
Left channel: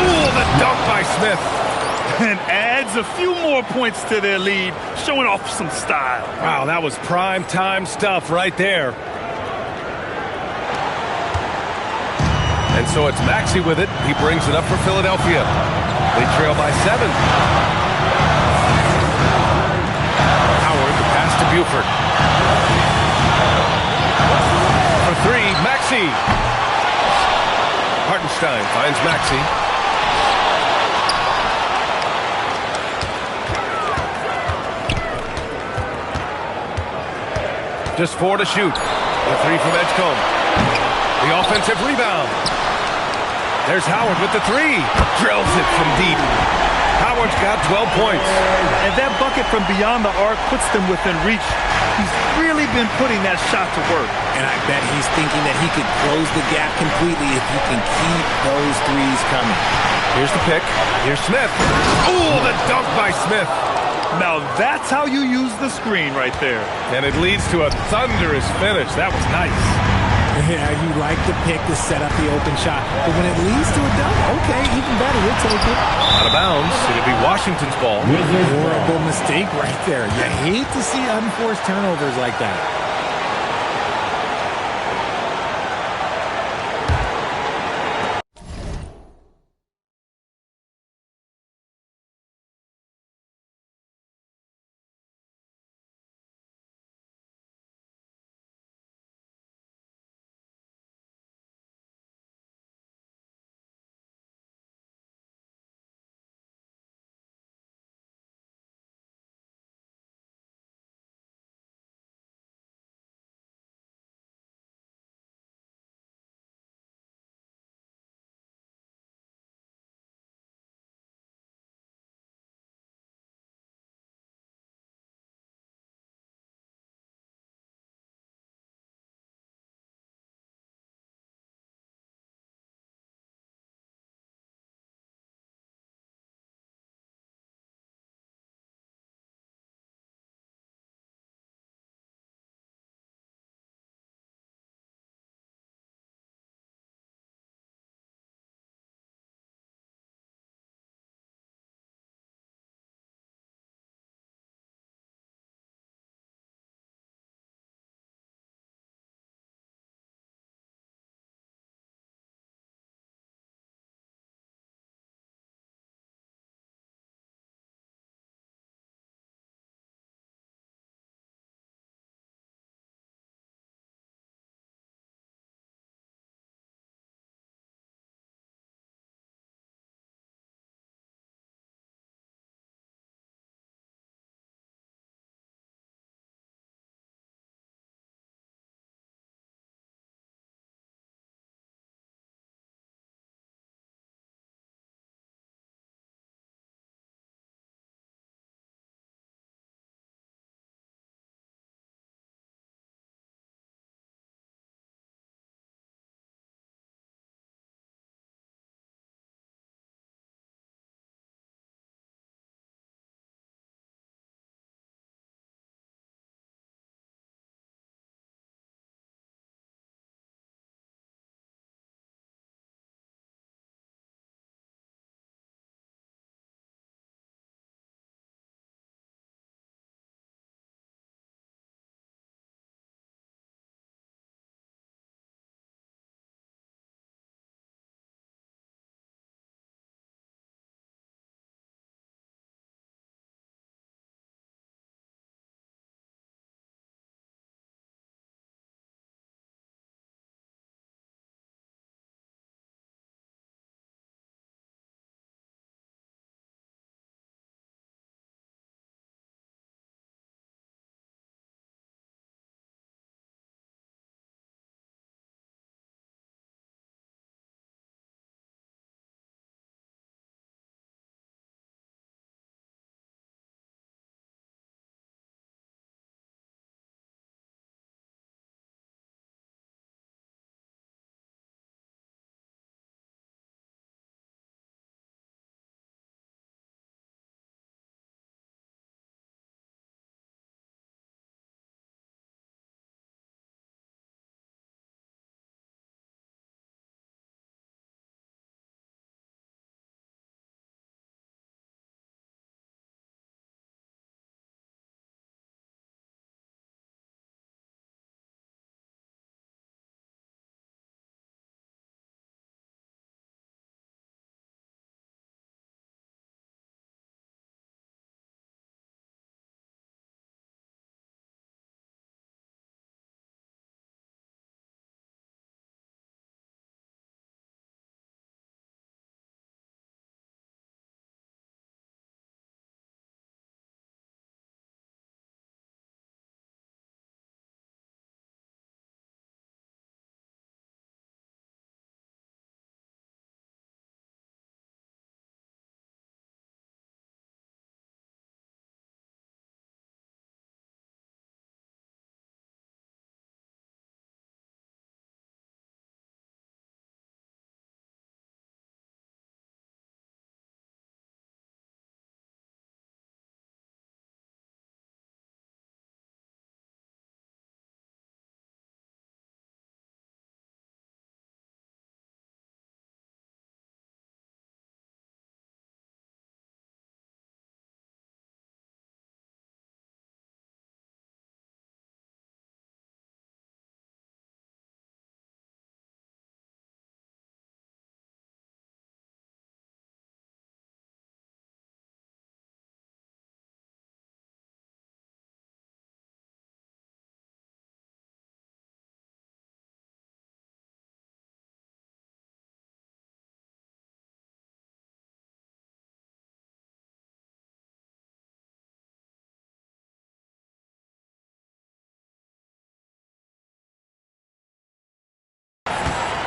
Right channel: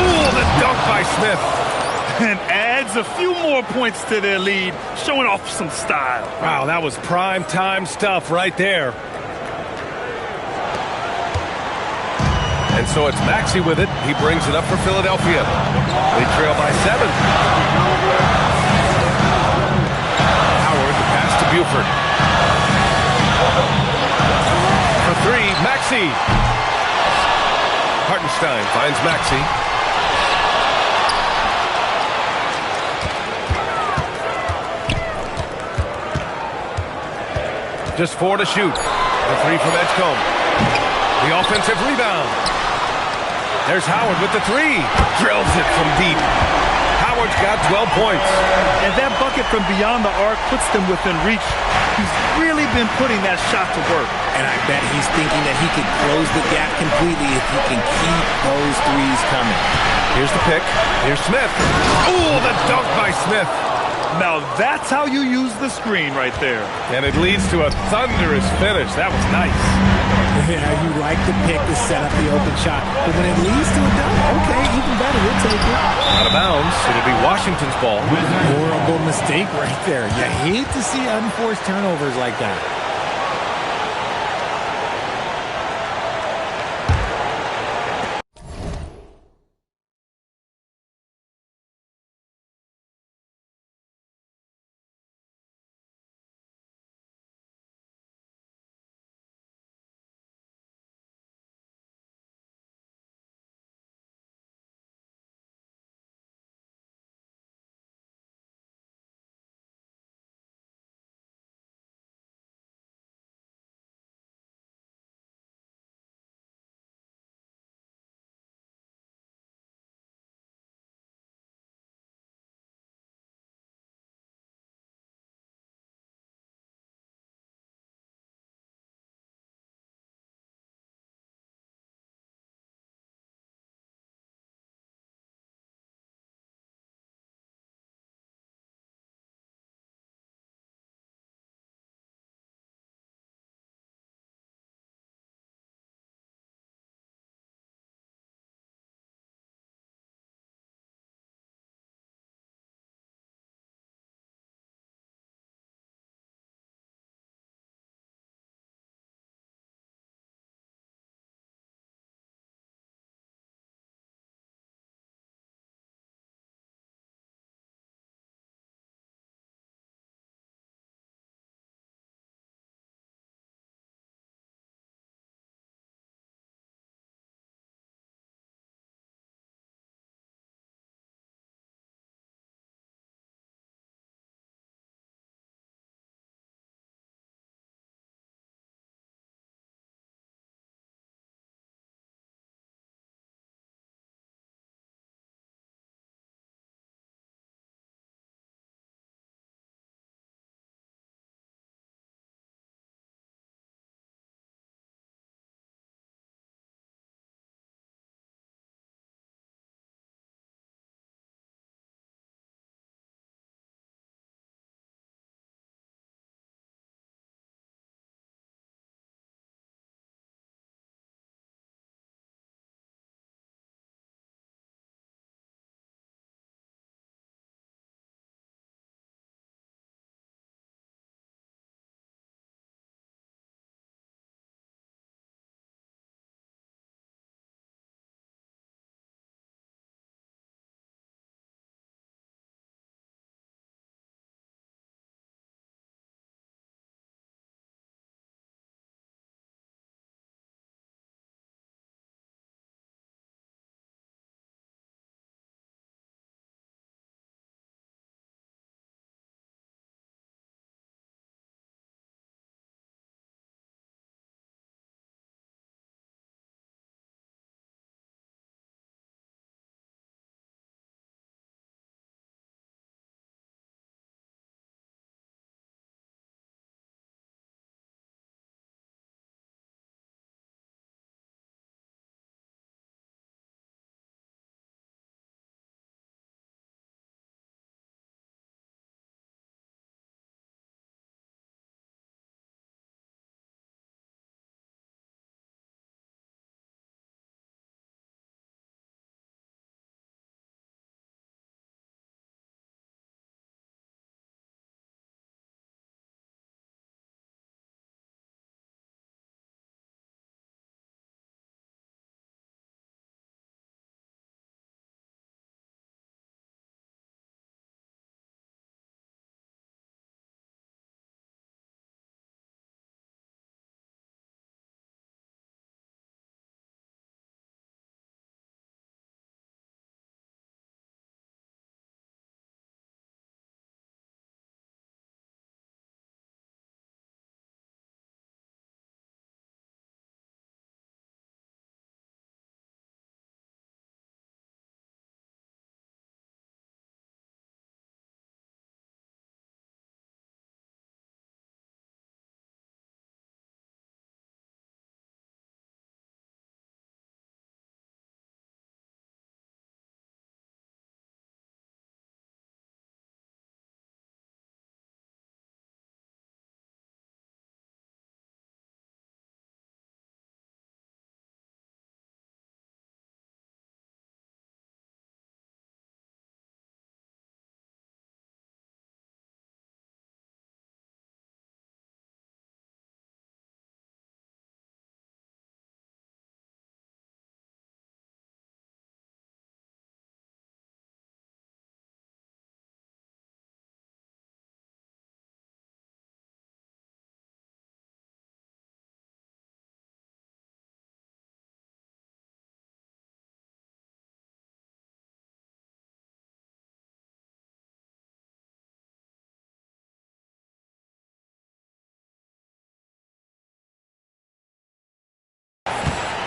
Oh, the dunk by Smith. And adds a few more points to their lead, showing off some style. Wow, that was prime time stuff right there. And so it's Maxey with it. He brings it up for Philadelphia. They trail by 7. Howard, the pass to Buford. For 3, Maxey. Hartenstein finds Maxey. Just 4 to shoot. The 3 from Edgecombe. The offensive rebound. There's Howard with the 3. Drills it from deep. Howard's got 12 points. And that bucket from beyond the arc puts them within reach. He's really been putting that shot to work. And I bet he's thinking that he could close the gap completely if he can keep those threes coming. Here's the pick. Here's Smith. Oh, the dunk by Smith. Now that's how you use the screen right there. And it leads to a thunderous finish. That was nice. Yeah, you like the pick to set up the open shot. But when it leads to a dunk, okay, even better. We'll take it. Out of bounds. It'll be Washington's ball. Horrible mistake right there. You hate to see unforced turnovers like that.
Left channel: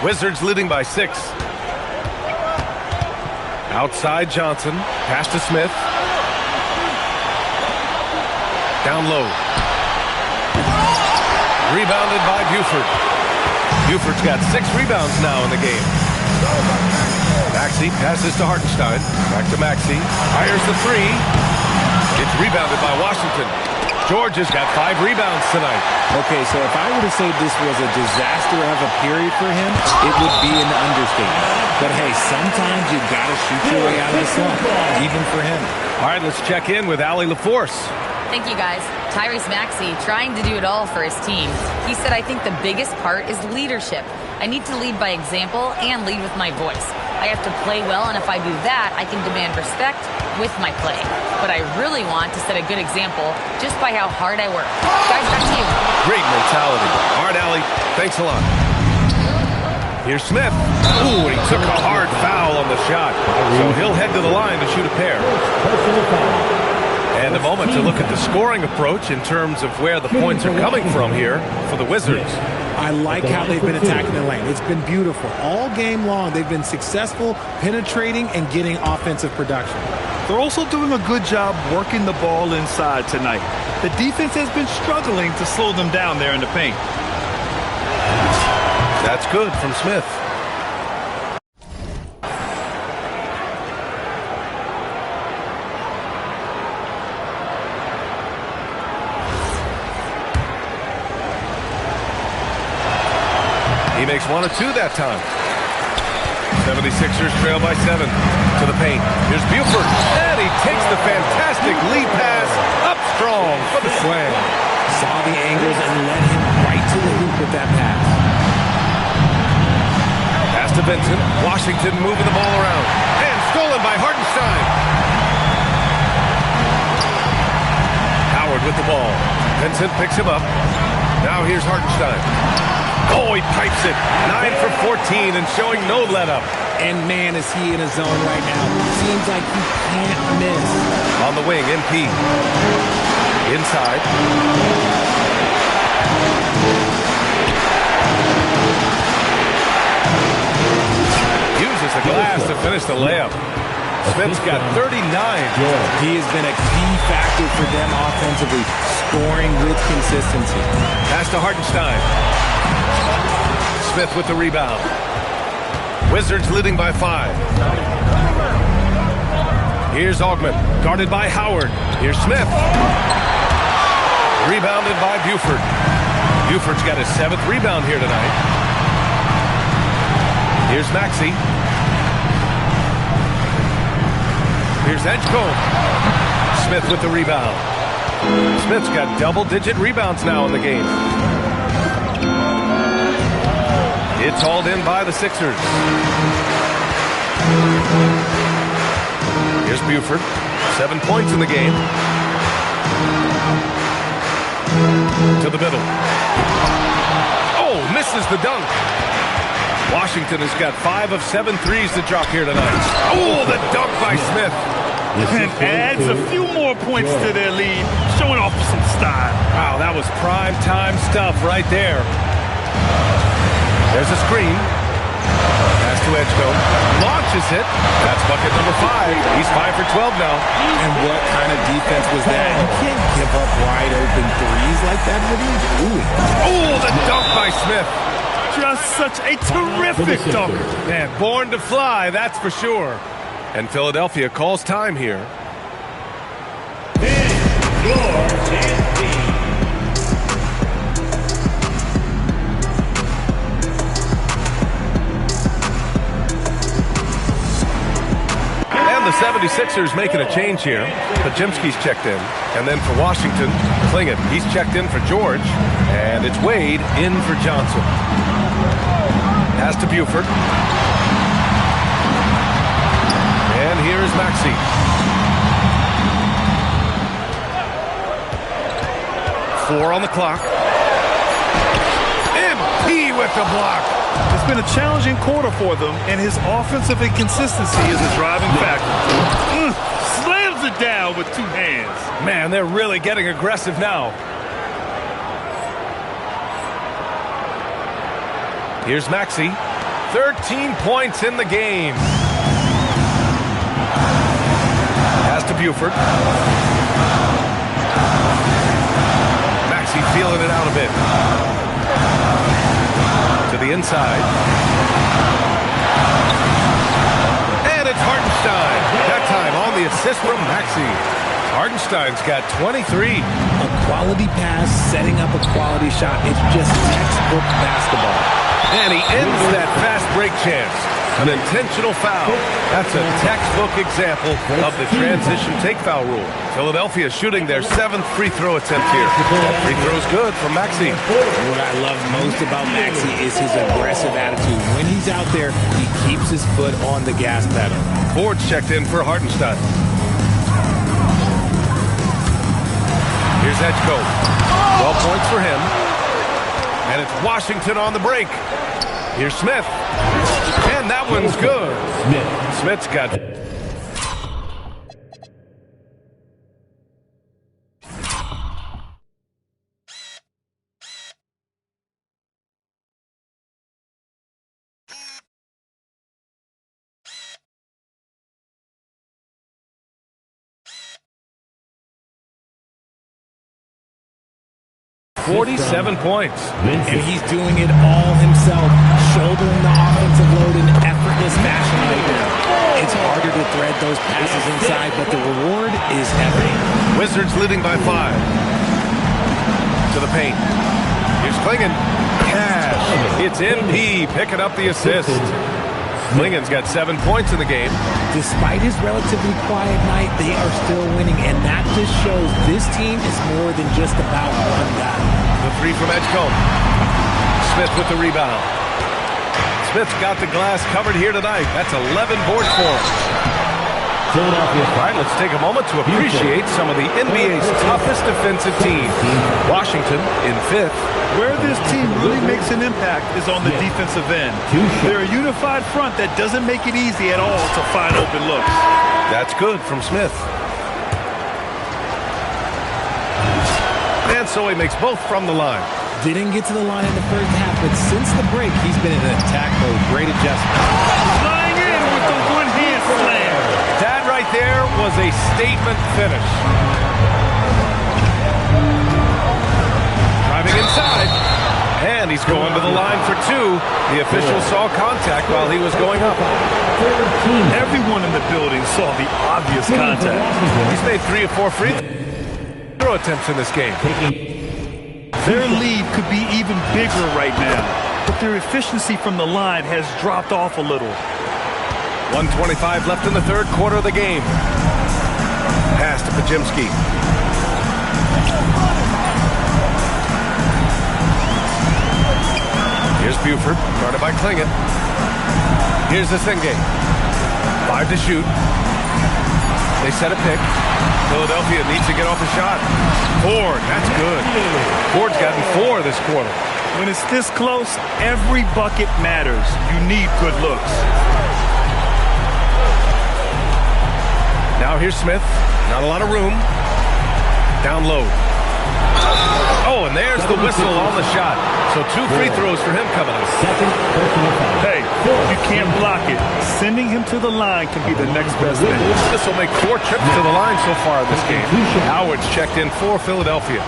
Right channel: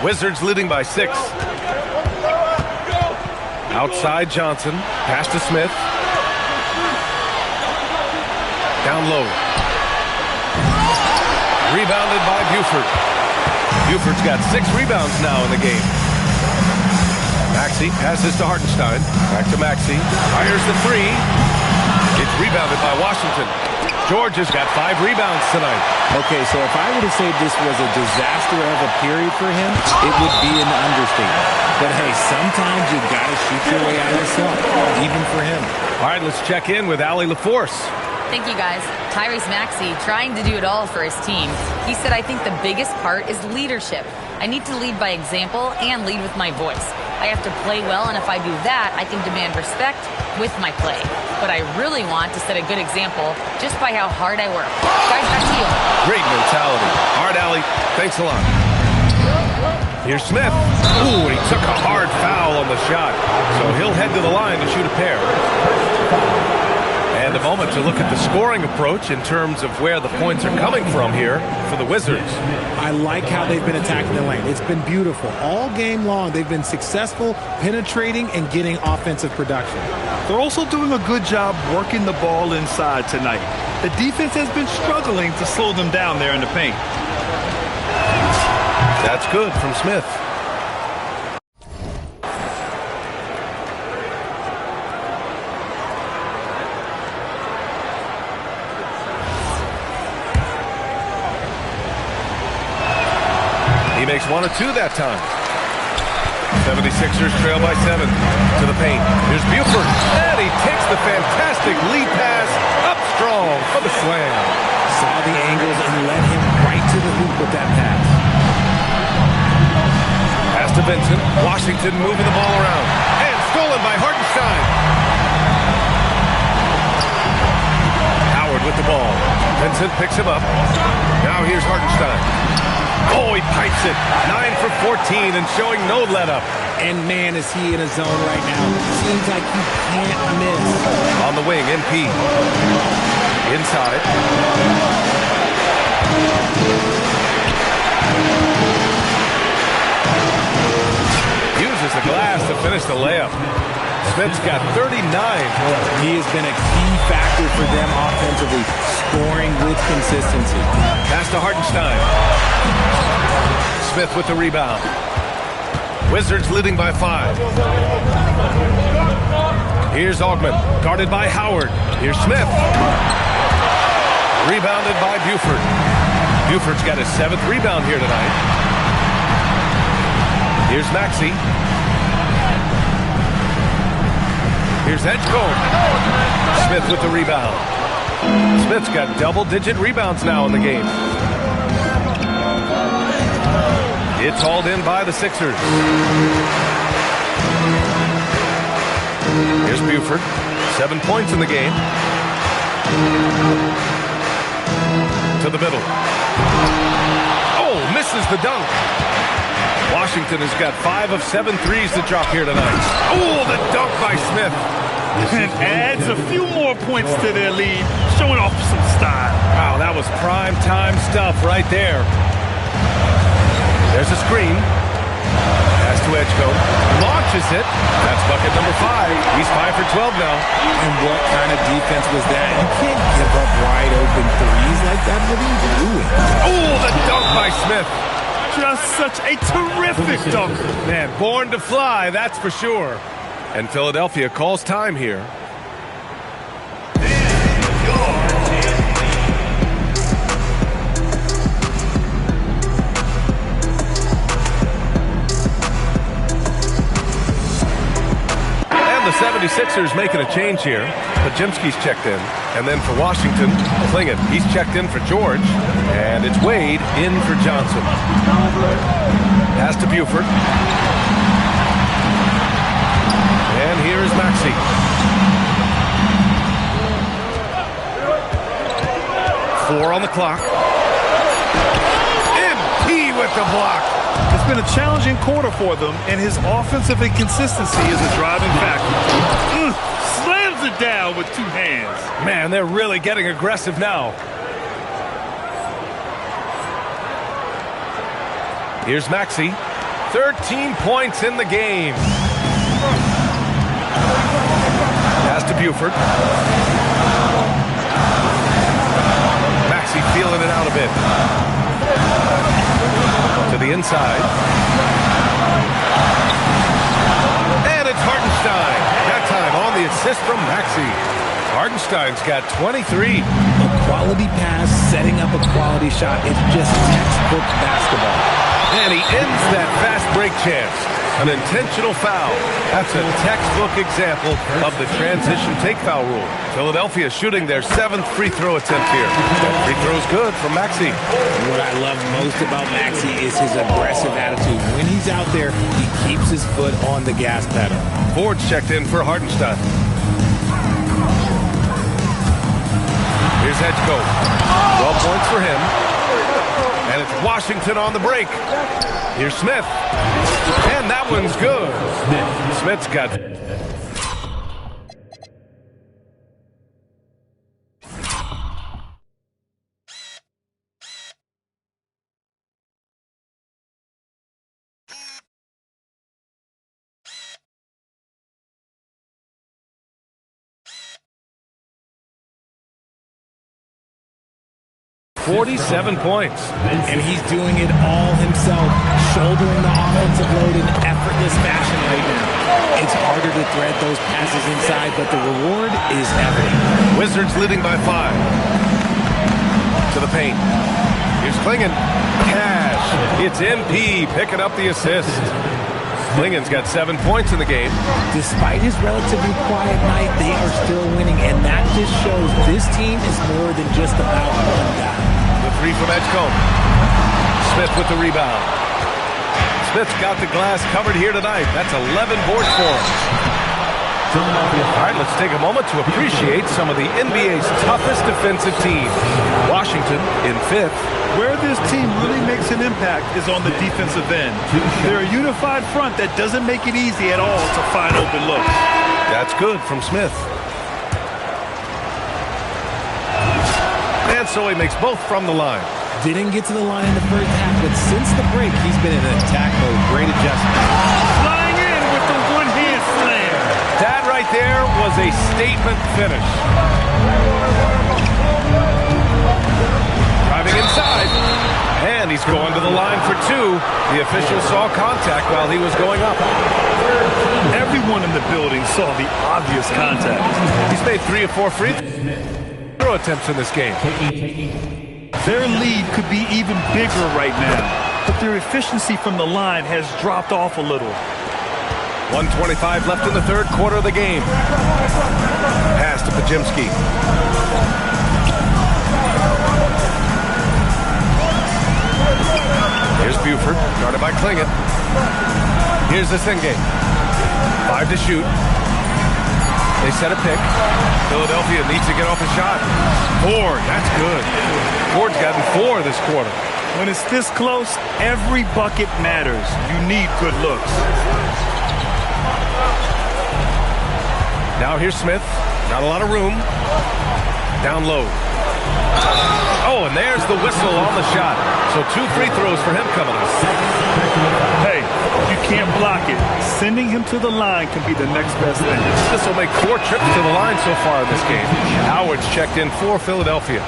Wizards leading by 6. Outside Johnson. Pass to Smith. Down low. Rebounded by Buford. Buford's got 6 rebounds now in the game. Maxey passes to Hartenstein. Back to Maxey. Fires the 3. It's rebounded by Washington. George has got 5 rebounds tonight. Okay, so if I were to say this was a disaster of a period for him, it would be an understatement. But hey, sometimes you got to shoot your way out of the slump, even for him. All right, let's check in with Allie LaForce. Thank you, guys. Tyrese Maxey trying to do it all for his team. He said, I think the biggest part is leadership. I need to lead by example and lead with my voice. I have to play well, and if I do that, I can demand respect with my play. But I really want to set a good example just by how hard I work. Guys, back to you. Great mentality. All right, Allie, thanks a lot. Here's Smith. Ooh, he took a hard foul on the shot. So he'll head to the line to shoot a pair. And a moment to look at the scoring approach in terms of where the points are coming from here for the Wizards. I like how they've been attacking the lane. It's been beautiful. All game long, they've been successful penetrating and getting offensive production. They're also doing a good job working the ball inside tonight. The defense has been struggling to slow them down there in the paint. That's good from Smith. He makes 1 of 2 that time. 76ers trail by 7 to the paint. Here's Buford, and he takes the fantastic lead pass up strong for the slam. Saw the angles and led him right to the hoop with that pass. Pass to Vincent. Washington moving the ball around. And stolen by Hartenstein. Howard with the ball. Vincent picks him up. Now here's Hartenstein. Oh, he pipes it. 9 for 14 and showing no let-up. And man, is he in a zone right now. Seems like he can't miss. On the wing, MP. Inside. Uses the glass to finish the layup. Smith's got 39. He has been a key factor for them offensively, scoring with consistency. Pass to Hartenstein. Smith with the rebound. Wizards leading by 5. Here's Augment, guarded by Howard. Here's Smith. Rebounded by Buford. Buford's got his 7th rebound here tonight. Here's Maxey. Here's Edgecombe. Smith with the rebound. Smith's got double-digit rebounds now in the game. It's hauled in by the Sixers. Here's Buford. 7 points in the game. To the middle. Oh, misses the dunk. Washington has got 5 of 7 threes to drop here tonight. Oh, the dunk by Smith. And adds a few more points to their lead, showing off some style. Wow, that was prime time stuff right there. There's a screen. Pass to Edgecombe. Launches it. That's bucket number 5. He's 5 for 12 now. And what kind of defense was that? You can't give up wide open threes like that. What are you doing? Oh, the dunk by Smith. Just such a terrific dunker. Man, born to fly, that's for sure. And Philadelphia calls time here. The 76ers making a change here. Podziemski's checked in. And then for Washington, Klingin. He's checked in for George. And it's Wade in for Johnson. Pass to Buford. And here is Maxey. Four on the clock. MP with the block. It's been a challenging quarter for them, and his offensive inconsistency is a driving factor. Slams it down with 2 hands. Man, they're really getting aggressive now. Here's Maxey. 13 points in the game. Pass to Buford. Maxey feeling it out a bit. To the inside. And it's Hartenstein. That time on the assist from Maxey. Hartenstein's got 23. A quality pass, setting up a quality shot. It's just textbook basketball. And he ends that fast break chance. An intentional foul. That's a textbook example of the transition take foul rule. Philadelphia shooting their 7th free throw attempt here. That free throw's good from Maxey. What I love most about Maxey is his aggressive attitude. When he's out there, he keeps his foot on the gas pedal. Ford's checked in for Hartenstein. Here's Edgecombe. 12 points for him. And it's Washington on the break. Here's Smith. And that one's good. Smith's got... ...47 points. And he's doing it all himself, shouldering the offensive load in effortless fashion right now. It's harder to thread those passes inside, but the reward is evident. Wizards leading by 5. To the paint. Here's Klingon. Cash. It's MP picking up the assist. Klingon's got 7 points in the game. Despite his relatively quiet night, they are still winning, and that just shows this team is more than just about one guy. The 3 from Edgecombe. Smith with the rebound. Smith's got the glass covered here tonight. That's 11 boards for him. All right, let's take a moment to appreciate some of the NBA's toughest defensive teams. Washington in 5th. Where this team really makes an impact is on the defensive end. They're a unified front that doesn't make it easy at all to find open looks. That's good from Smith. And so he makes both from the line. Didn't get to the line in the first half, but since the break, he's been in attack mode. Great adjustment. Flying in with the one-hand slam. That right there was a statement finish. Driving inside. And he's going to the line for 2. The official saw contact while he was going up. Everyone in the building saw the obvious contact. He's made 3 of 4 free throw attempts in this game. Their lead could be even bigger right now, but their efficiency from the line has dropped off a little. 1:25 left in the third quarter of the game. Pass to Pajimski. Here's Buford, guarded by Klingon. Here's Zengin. 5 to shoot. They set a pick. Philadelphia needs to get off a shot. Ford, that's good. Ford's gotten 4 this quarter. When it's this close, every bucket matters. You need good looks. Now here's Smith. Not a lot of room. Down low. Oh, and there's the whistle on the shot. So 2 free throws for him coming up. Hey, you can't block it. Sending him to the line can be the next best thing. This will make 4 trips to the line so far in this game. Howard's checked in for Philadelphia.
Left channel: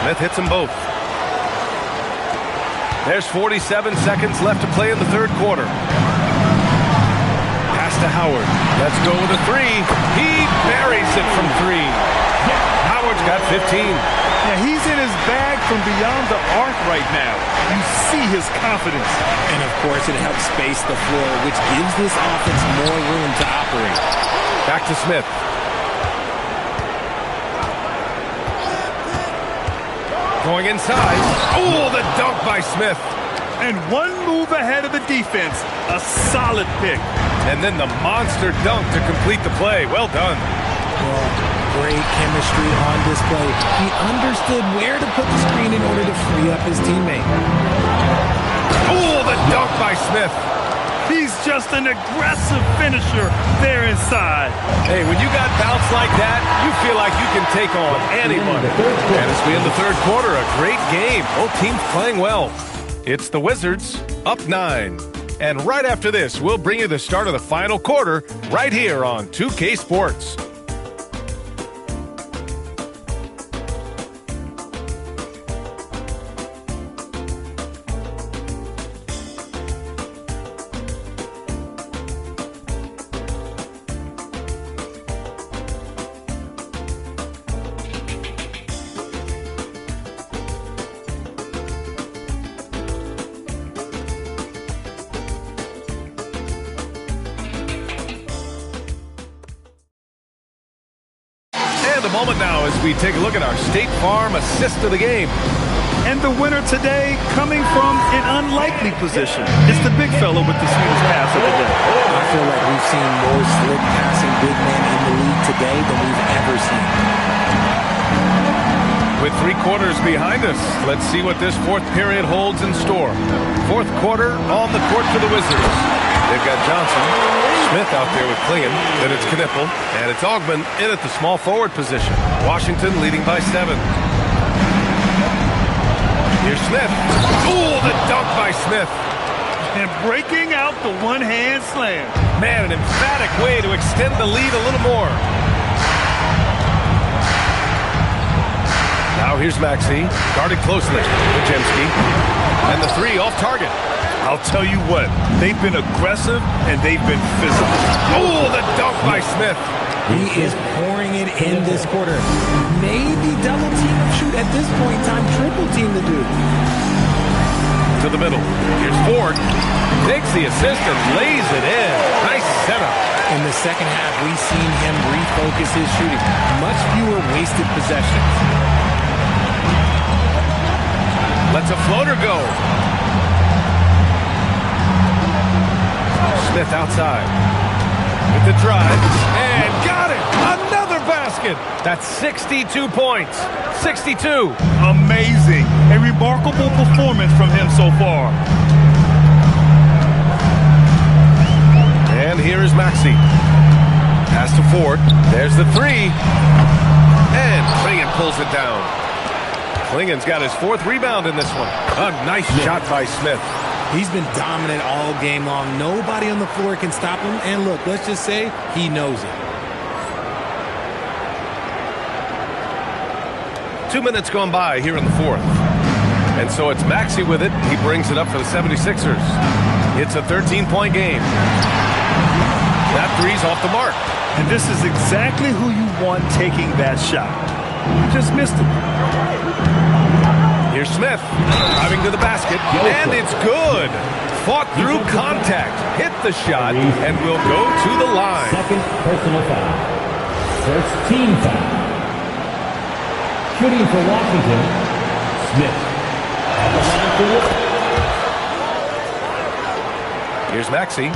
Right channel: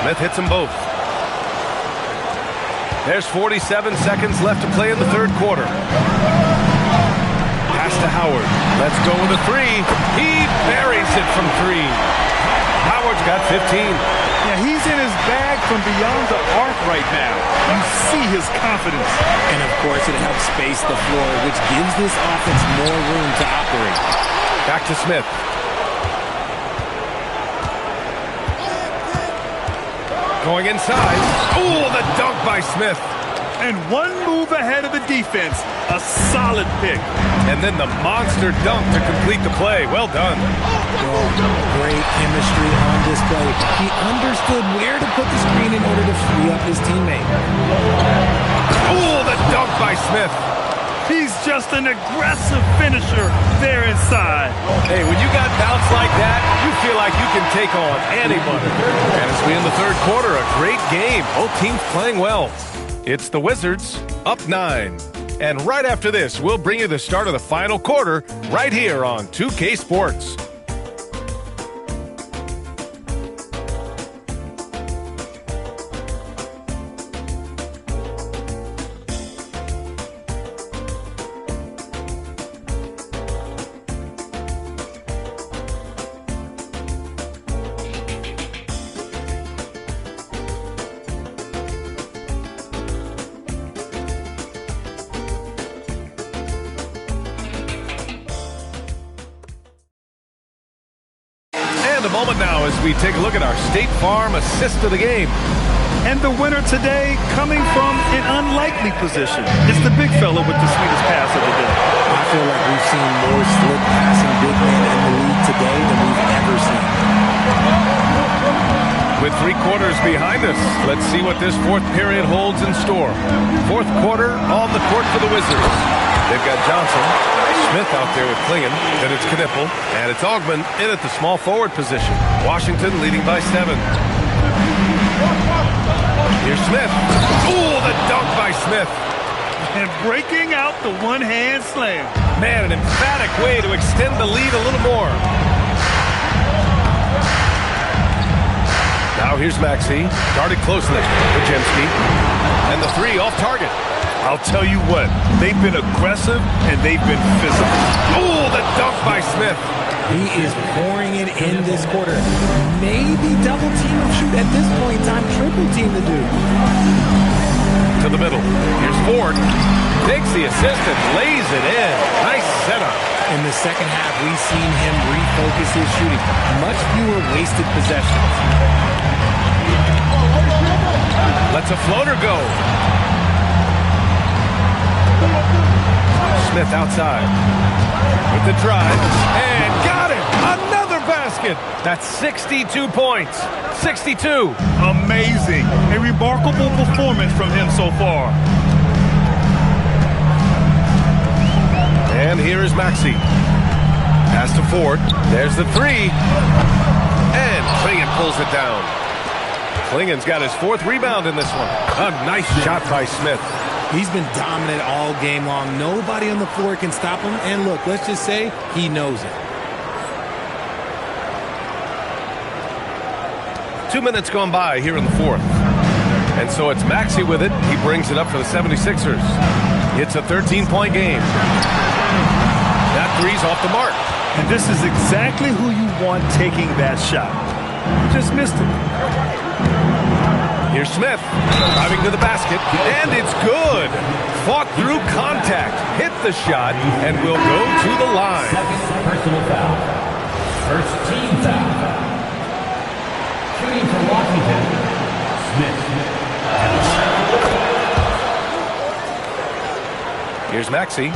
Smith hits them both. There's 47 seconds left to play in the third quarter. Pass to Howard. Let's go with a 3. He buries it from 3. Howard's got 15. Yeah, he's in his bag from beyond the arc right now. You see his confidence. And, of course, it helps space the floor, which gives this offense more room to operate. Back to Smith. Going inside. Oh, the dunk by Smith. And 1 move ahead of the defense. A solid pick. And then the monster dunk to complete the play. Well done. Great chemistry on display. He understood where to put the screen in order to free up his teammate. Oh, the dunk by Smith. He's just an aggressive finisher there inside. Hey, when you got bounce like that, you feel like you can take on anybody. And as we end the third quarter, a great game. Both teams playing well. It's the Wizards up 9. And right after this, we'll bring you the start of the final quarter right here on 2K Sports. A moment now as we take a look at our State Farm assist of the game. And the winner today coming from an unlikely position. It's the big fella with the sweetest pass of the day. I feel like we've seen more slick passing big men in the league today than we've ever seen. With 3 quarters behind us, let's see what this fourth period holds in store. Fourth quarter on the court for the Wizards. They've got Johnson, Smith out there with Klingon, then it's Knipple, and it's Augmon in at the small forward position. Washington leading by 7. Here's Smith. Ooh, the dunk by Smith. And breaking out the one-hand slam. Man, an emphatic way to extend the lead a little more. Now here's Maxey, guarded closely. Podziemski, and the 3 off target. I'll tell you what, they've been aggressive and they've been physical. Oh, the dunk by Smith. He is pouring it in this quarter. Maybe double team him, shoot at this point in time, triple team the dude. To the middle. Here's Ford. Takes the assist and lays it in. Nice setup. In the second half, we've seen him refocus his shooting. Much fewer wasted possessions. Lets a floater go. Smith outside with the drive and got it. Another basket. That's 62 points. 62. Amazing. A remarkable performance from him so far. And here is Maxey. Pass to Ford. There's the 3. And Klingon pulls it down. Klingon's got his 4th rebound in this one. A nice shot by Smith. He's been dominant all game long. Nobody on the floor can stop him. And look, let's just say he knows it. 2 minutes gone by here in the 4th. And so it's Maxey with it. He brings it up for the 76ers. It's a 13-point game. That 3's off the mark. And this is exactly who you want taking that shot. You just missed it. Here's Smith, driving to the basket, and it's good. Fought through contact, hit the shot, and will go to the line. Second personal foul. First team foul. Shooting for Washington, Smith. Here's Maxey.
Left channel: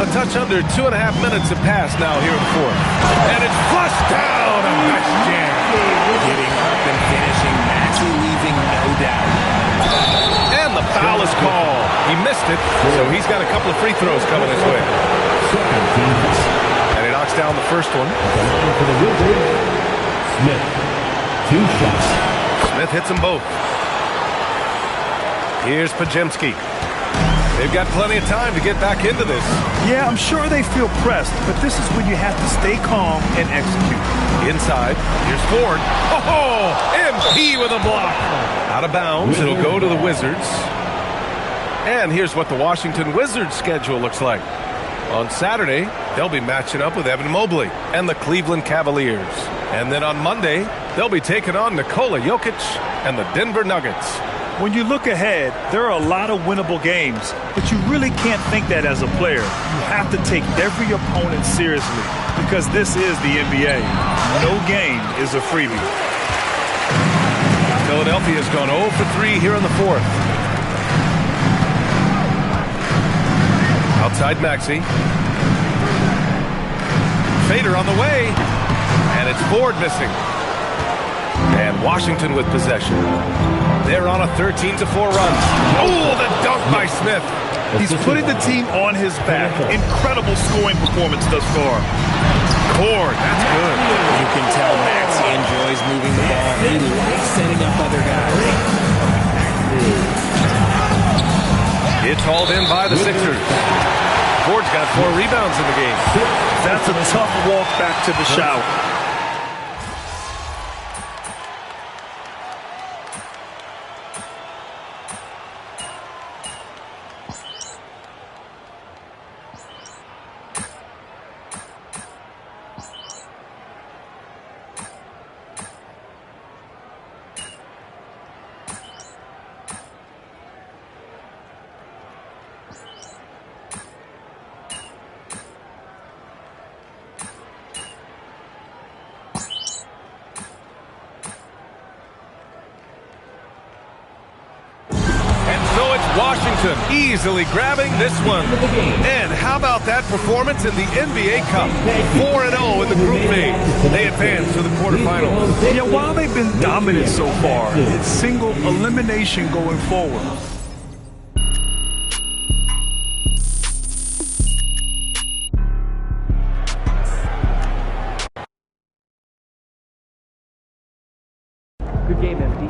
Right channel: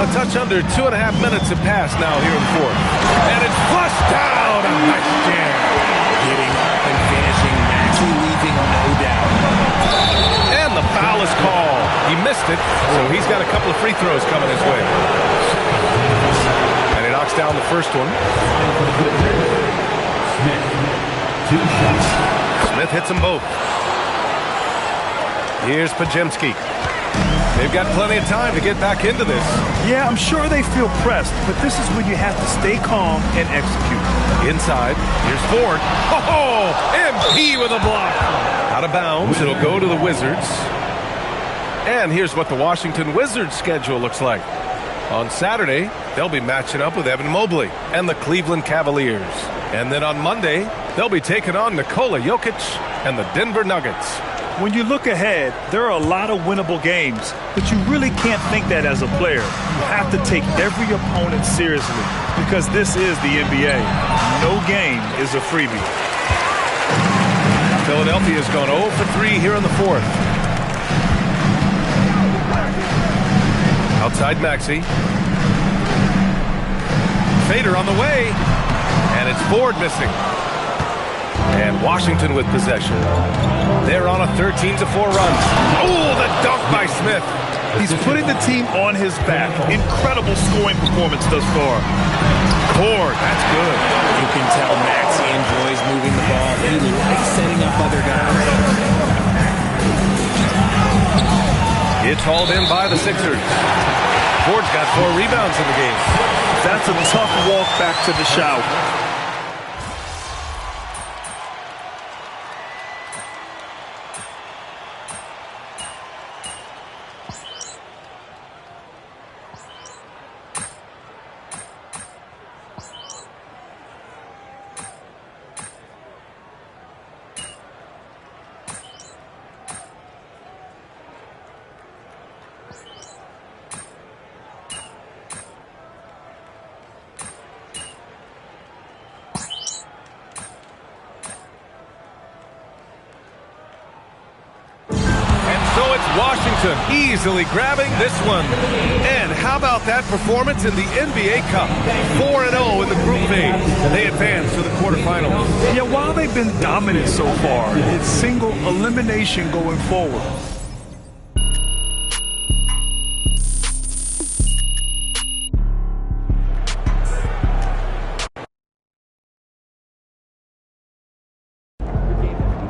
A touch under 2.5 minutes have passed now here in the 4th. And it's flushed down. A nice jam. Getting up and finishing. Maxey leaving no doubt. And the foul is called. He missed it, so he's got a couple of free throws coming his way. And he knocks down the first one. Smith, 2 shots. Smith hits them both. Here's Podziemski. They've got plenty of time to get back into this. Yeah, I'm sure they feel pressed, but this is when you have to stay calm and execute. Inside, here's Ford. Oh, MP with a block. Out of bounds, it'll go to the Wizards. And here's what the Washington Wizards schedule looks like. On Saturday, they'll be matching up with Evan Mobley and the Cleveland Cavaliers. And then on Monday, they'll be taking on Nikola Jokic and the Denver Nuggets. When you look ahead, there are a lot of winnable games, but you really can't think that as a player. You have to take every opponent seriously because this is the NBA. No game is a freebie. Philadelphia's gone 0 for 3 here in the 4th. Outside Maxey. Fader on the way. And it's Ford missing. And Washington with possession. They're on a 13-4 run. Oh, the dunk by Smith. He's putting the team on his back. Incredible scoring performance thus far. board. That's good. You can tell Maxey enjoys moving the ball. He likes setting up other guys. It's hauled in by the Sixers. Ford's got 4 rebounds in the game. That's a tough walk back to the shout. So it's Washington easily grabbing this one. And how about that performance in the NBA Cup? 4-0 in the group phase. They advance to the quarterfinals. Yeah, while they've been dominant so far, it's single elimination going forward. Good game, MD.